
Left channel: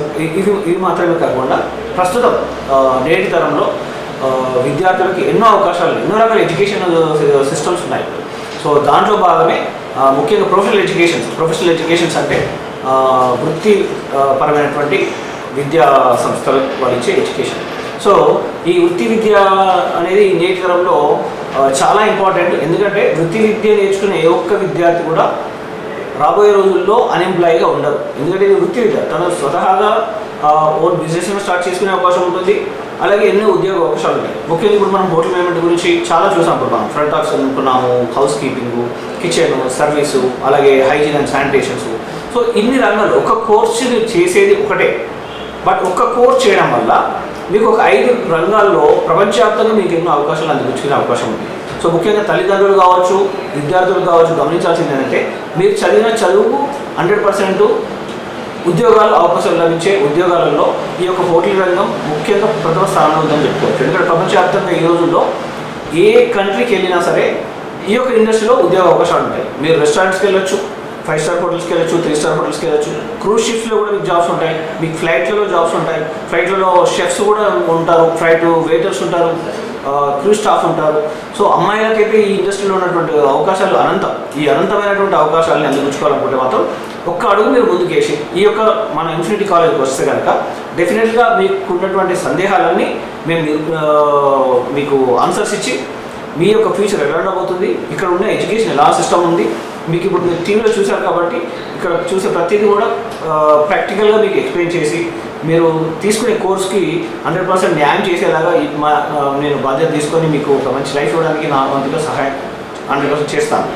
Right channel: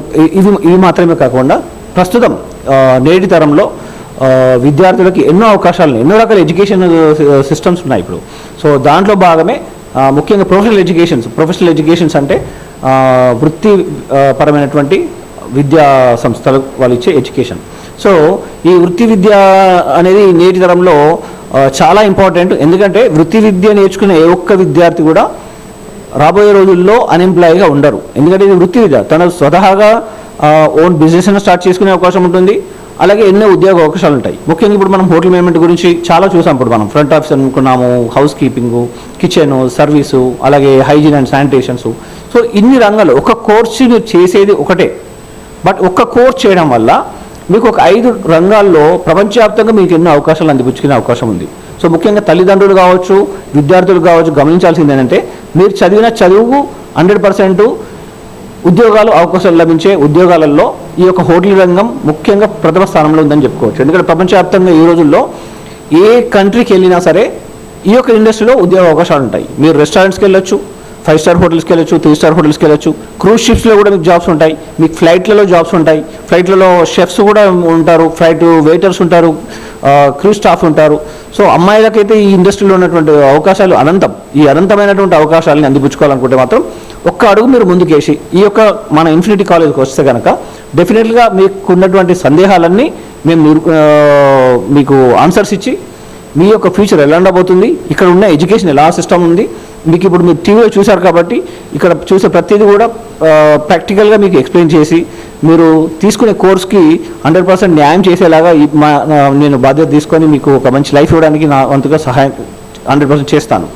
ఇవి మాత్రమే కాకుండా ప్రస్తుతం నేటి తరంలో విద్యార్థులకి ఎన్నో అవకాశాలు, ఎన్నో రకాల ఎడ్యుకేషన్ సిస్టమ్స్ ఉన్నాయి ఇప్పుడు. సో దాంట్లో భాగమే ముఖ్యంగా ప్రొఫెషనల్ ఎడ్యుకేషన్స్ అంటే వృత్తి పరమైనటువంటి విద్యా సంస్థలు వాళ్ళు ఇచ్చే ఎడ్యుకేషన్. సో ఈ వృత్తి విద్య అనేది నేటి తరంలో చాలా ఇంపార్టెంట్. ఎందుకంటే వృత్తి విద్య నేర్చుకునే ఏ ఒక్క విద్యార్థి కూడా రాబోయే రోజుల్లో అన్ఎంప్లాయ్గా ఉండరు. ఎందుకంటే ఇది వృత్తి విద్య, తన స్వతహాగా ఓన్ బిజినెస్ స్టార్ట్ చేసుకునే అవకాశం ఉంటుంది, అలాగే ఎన్నో ఉద్యోగ అవకాశాలు ఉంటాయి. ముఖ్యంగా ఇప్పుడు మనం హోటల్ మేనేజ్మెంట్ గురించి చాలా చూసాం. ఇప్పుడు మనం ఫ్రంట్ ఆఫీస్ అనుకున్నాము, హౌస్ కీపింగు, కిచెన్ సర్వీసు, అలాగే హైజీన్ అండ్ శానిటేషన్స్. సో ఇన్ని రంగాలు ఒక కోర్సుని చేసేది ఒకటే, బట్ ఒక్క కోర్స్ చేయడం వల్ల మీకు ఒక 5 రంగాల్లో ప్రపంచవ్యాప్తంగా మీకు ఎన్నో అవకాశాలు అందిపుచ్చుకునే అవకాశం ఉంది. సో ముఖ్యంగా తల్లిదండ్రులు కావచ్చు, విద్యార్థులు కావచ్చు, గమనించాల్సింది ఏంటంటే మీరు చదివిన చదువుకు 100% ఉద్యోగాలు అవకాశాలు లభించే ఉద్యోగాలలో ఈ యొక్క హోటల్ రంగం ముఖ్యంగా ప్రథమ స్థానంలో ఉందని చెప్పుకోవచ్చు. ఎందుకంటే ప్రపంచవ్యాప్తంగా ఈ రోజుల్లో ఏ కంట్రీకి వెళ్ళినా సరే ఈ యొక్క ఇండస్ట్రీలో ఉద్యోగ అవకాశాలు ఉంటాయి. మీరు రెస్టారెంట్స్కి వెళ్ళొచ్చు, 5 స్టార్ హోటల్స్కి వెళ్ళొచ్చు, 3 స్టార్ హోటల్స్కి వెళ్ళొచ్చు, క్రూజ్ షిప్స్లో కూడా మీకు జాబ్స్ ఉంటాయి, మీకు ఫ్లైట్లలో జాబ్స్ ఉంటాయి, ఫ్లైట్లలో షెఫ్స్ కూడా ఉంటారు, ఫ్లైట్ వెయిటర్స్ ఉంటారు, క్రూజ్ స్టాఫ్ ఉంటారు. సో అమ్మాయిలకైతే ఈ ఇండస్ట్రీలో ఉన్నటువంటి అవకాశాలు అనంతం. ఈ అనంతమైనటువంటి అవకాశాలని అందిపుచ్చుకోవాలనుకుంటే మాత్రం ఒక్క అడుగు మీరు ముందుకేసి ఈ యొక్క మన ఇన్ఫినిటీ కాలేజ్కి వస్తే కనుక డెఫినెట్గా మీకు ఉన్నటువంటి సందేహాలన్నీ మేము మీకు ఆన్సర్స్ ఇచ్చి మీ యొక్క ఫ్యూచర్ ఎలా ఉండబోతుంది, ఇక్కడ ఉన్న ఎడ్యుకేషన్ ఎలా సిస్టమ్ ఉంది, మీకు ఇప్పుడు మీరు టీవీలో చూశారు కాబట్టి ఇక్కడ చూసే ప్రతిదీ కూడా ప్రాక్టికల్గా మీకు ఎక్స్ప్లెయిన్ చేసి మీరు తీసుకునే కోర్స్కి 100% న్యాయం చేసేలాగా నేను బాధ్యత తీసుకొని మీకు ఒక మంచి లైఫ్ ఇవ్వడానికి నా వంతుగా సహాయం 100% చేస్తాను.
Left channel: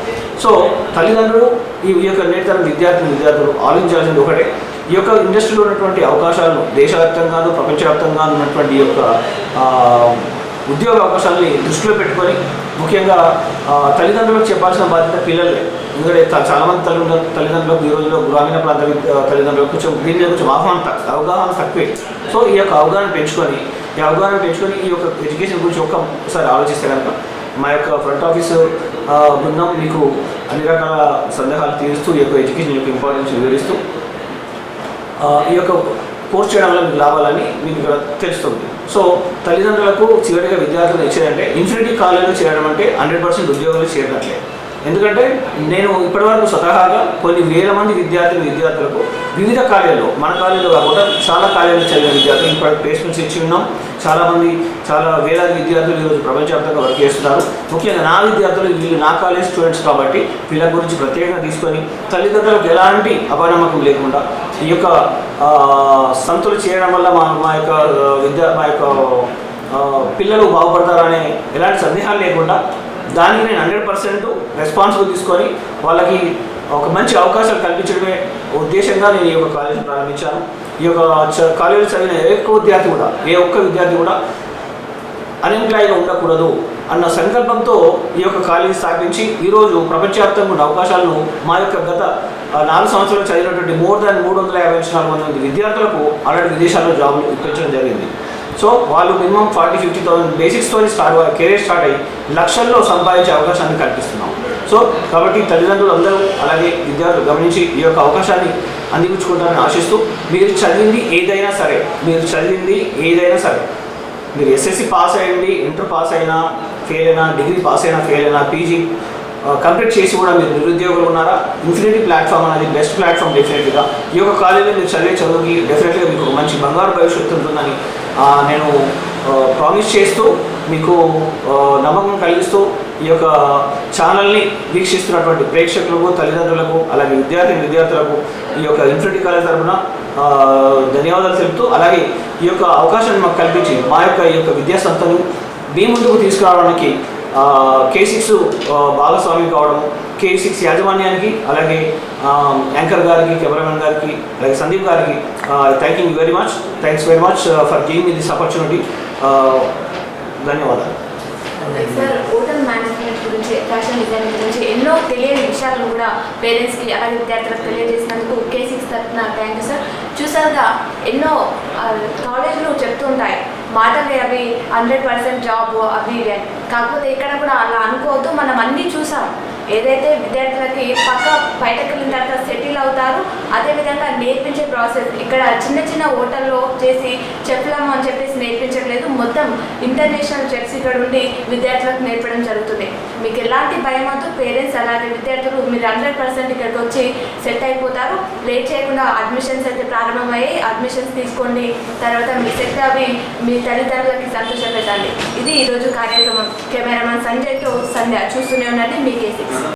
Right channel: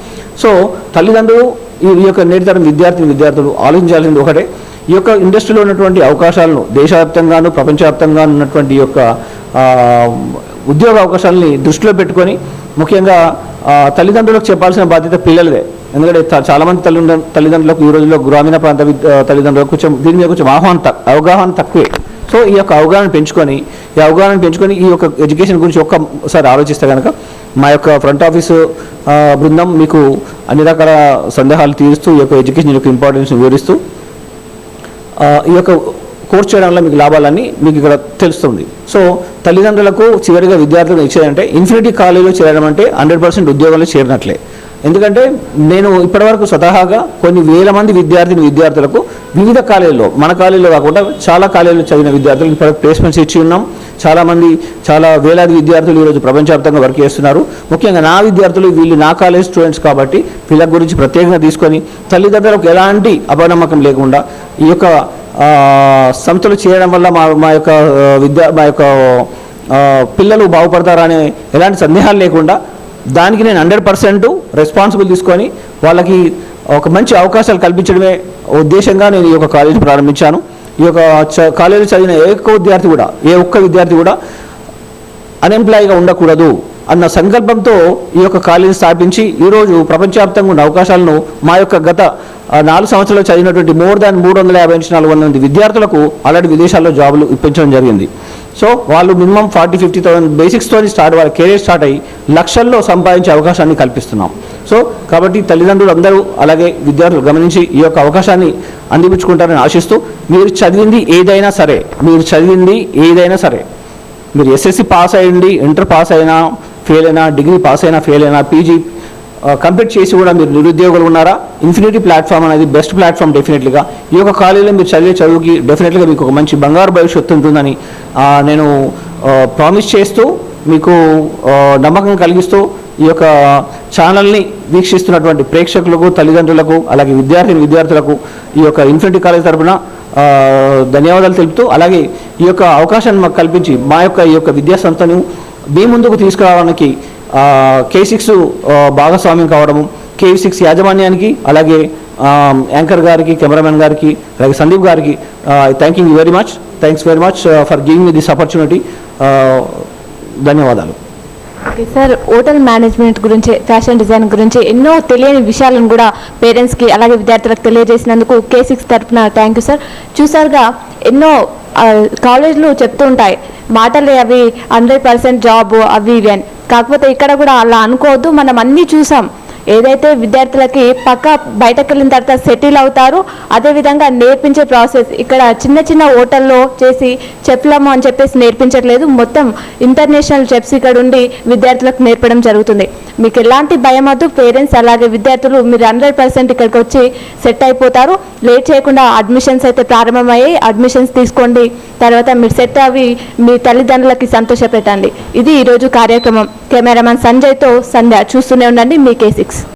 సో తల్లిదండ్రులు ఈ యొక్క నేటితరం విద్యార్థులు ఆలోచించాల్సింది ఒకటే, ఈ యొక్క ఇండస్ట్రీలో ఉన్నటువంటి అవకాశాలను దేశవ్యాప్తంగాను ప్రపంచవ్యాప్తంగా ఉన్నటువంటి ఈ యొక్క ఉద్యోగ అవకాశాలని దృష్టిలో పెట్టుకొని ముఖ్యంగా తల్లిదండ్రులకు చెప్పాల్సిన బాధ్యత పిల్లలదే. ఎందుకంటే చాలామంది తల్లిదండ్రులకు ఈ రోజుల్లో గ్రామీణ ప్రాంత తల్లిదండ్రులకు దీని మీద కొంచెం అవగాహన తక్కువే. సో ఈ యొక్క అవగాహన పెంచుకొని ఈ యొక్క ఎడ్యుకేషన్ గురించి ఒక్కసారి ఆలోచిస్తే కనుక మా యొక్క ఫ్రంట్ ఆఫీసు బృందం మీకు అన్ని రకాల సందేహాలు తీరుస్తూ ఈ యొక్క ఎడ్యుకేషన్ యొక్క ఇంపార్టెన్స్ వివరిస్తూ ఈ యొక్క కోర్స్ చేయడం వల్ల మీకు లాభాలన్నీ మీకు ఇక్కడ తెలుస్తుంది. సో తల్లిదండ్రులకు చివరిగా విద్యార్థులకు ఇచ్చేదంటే ఇన్ఫినిటీ కాలేజీలో చేరడం అంటే 100% ఉద్యోగాలు చేరినట్లే. ఎందుకంటే నేను ఇప్పటివరకు స్వతహాగా కొన్ని వేల మంది విద్యార్థులకు వివిధ కాలేజీలో, మన కాలేజీలో కాకుండా చాలా కాలేజీలు చదివిన విద్యార్థులు ఇప్పుడు ప్లేస్మెంట్స్ ఇచ్చి ఉన్నాం. చాలా వేలాది విద్యార్థులు ఈరోజు ప్రపంచవ్యాప్తంగా వర్క్ చేస్తున్నారు. ముఖ్యంగా నా విద్యార్థులు వీళ్ళు నా కాలేజ్ స్టూడెంట్స్ కాబట్టి వీళ్ళ గురించి ప్రత్యేకంగా తీసుకొని తల్లిదండ్రులకు ఎలాంటి అపనమ్మకం లేకుండా ఈ యొక్క సంస్థలు చేయడం వల్ల మా యొక్క పిల్లలు బాగుపడతారనే ఎలాంటి సందేహాలు లేకుండా దానికి నేను 100% రెస్పాన్సిబుల్ తీసుకొని వాళ్ళకి ఒక మంచి అవకాశాలు కల్పించడమే ఉద్దేశంగా నేను ఈ యొక్క కాలేజ్ ప్రారంభించాను. ఈ యొక్క కాలేజీ చదివిన ఏ ఒక్క విద్యార్థి కూడా అన్ఎంప్లాయ్గా ఉండకూడదు అన్న సంకల్పంతో ఈ యొక్క కాలేజీ స్థాపించి ఈరోజు ప్రపంచవ్యాప్తంగా ఉన్న అవకాశాలను మా యొక్క గత 4 సంవత్సరాలు చదివినటువంటి మోర్ దాన్ 350 నుంచి 400 మంది విద్యార్థులకు ఆల్రెడీ విదేశాల్లో జాబులు ఇప్పించడం జరిగింది. సో వాళ్ళు మినిమం 40-50,000 బేసిక్స్తో వాళ్ళ కెరీర్ స్టార్ట్ అయ్యి లక్షల్లో సంపాదించే అవకాశాన్ని కల్పిస్తున్నాం. సో కాబట్టి తల్లిదండ్రులు అందరూ అలాగే విద్యార్థులు గమనించి ఈ యొక్క అవకాశాన్ని అందిపుచ్చుకుంటారని ఆశిస్తూ, మీరు చదివింది ఏదైనా సరే, మీరు ఎస్ఎస్సి పాస్ అయ్యండి, ఇంటర్ పాస్ అయినా ఫెయిల్ అయినా, డిగ్రీ పాస్ అయినా ఫెయిల్ అయినా, పీజీ కంప్లీట్ చేసి కూడా మీరు నిరుద్యోగులు ఉన్నారా, ఇన్ఫినిటీ ప్లాట్ఫామ్ అనేది బెస్ట్ ప్లాట్ఫామ్. డెఫినెట్గా ఈ యొక్క కాలేజీలో మీరు చదివే చదువుకి డెఫినెట్గా మీకు ఒక మంచి బంగారు భవిష్యత్తు ఉంటుందని నేను ప్రామిస్ చేస్తూ, మీకు నమ్మకం కలిగిస్తూ, ఈ యొక్క ఛానల్ని వీక్షిస్తున్నటువంటి ప్రేక్షకులకు, తల్లిదండ్రులకు, అలాగే విద్యార్థులకు ఈ యొక్క ఇన్ఫినిటీ కాలేజ్ తరఫున ధన్యవాదాలు తెలుపుతూ, అలాగే ఈ యొక్క అవకాశాన్ని మాకు కల్పించి మా యొక్క ఈ యొక్క విద్యా సంస్థను మీ ముందుకు తీసుకురావడానికి K6 భాగస్వామ్యం కావడము, K6 యాజమాన్యానికి, అలాగే యాంకర్ గారికి, కెమెరామెన్ గారికి, అలాగే సందీప్ గారికి thanks very much for giving me this opportunity. ధన్యవాదాలు. సార్, హోటల్ మేనేజ్మెంట్ గురించి, ఫ్యాషన్ డిజైన్ గురించి ఎన్నో తెలియని విషయాలను కూడా పేరెంట్స్కి అలాగే విద్యార్థులకు తెలియజేసినందుకు K6 తరఫున థ్యాంక్ యూ సార్. చూసారుగా ఎన్నో కాలేజీలు చెప్తూ ఉంటాయి మాటలే అవి 100% జాబ్ అవి ఇవి అని. కాకపోతే ఇక్కడ కూడా అలా అనుకోవద్దు. మనం అన్నీ చూసాం. ఏదైతే విద్యార్థులకి బయటకు వెళ్ళిన తర్వాత సెటిల్ అవుతారు, అదేవిధంగా నేర్పించే ప్రాసెస్ ఇక్కడ చిన్న హోటల్లో చేసి చెఫ్లము అని చెప్పేసి నేర్పించట్లేదు. మొత్తం ఇంటర్నేషనల్ చెఫ్స్ ఇక్కడ ఉండి విద్యార్థులకు నేర్పడం జరుగుతుంది. మీకు ఎలాంటి భయం వద్దు. పేరెంట్స్ అలాగే విద్యార్థులు మీరు 100% ఇక్కడికి వచ్చి సెట్ అయిపోతారు. లేట్ చేయకుండా అడ్మిషన్స్ అయితే ప్రారంభమయ్యాయి. అడ్మిషన్స్ తీసుకోండి. తర్వాత మీకు సెట్ అవి మీ తల్లిదండ్రులకి సంతోషపెట్టండి. ఇది ఈరోజు కార్యక్రమం. కెమెరామెన్ సంజయ్తో సంధ్య. చూస్తూనే ఉండండి మీ K6.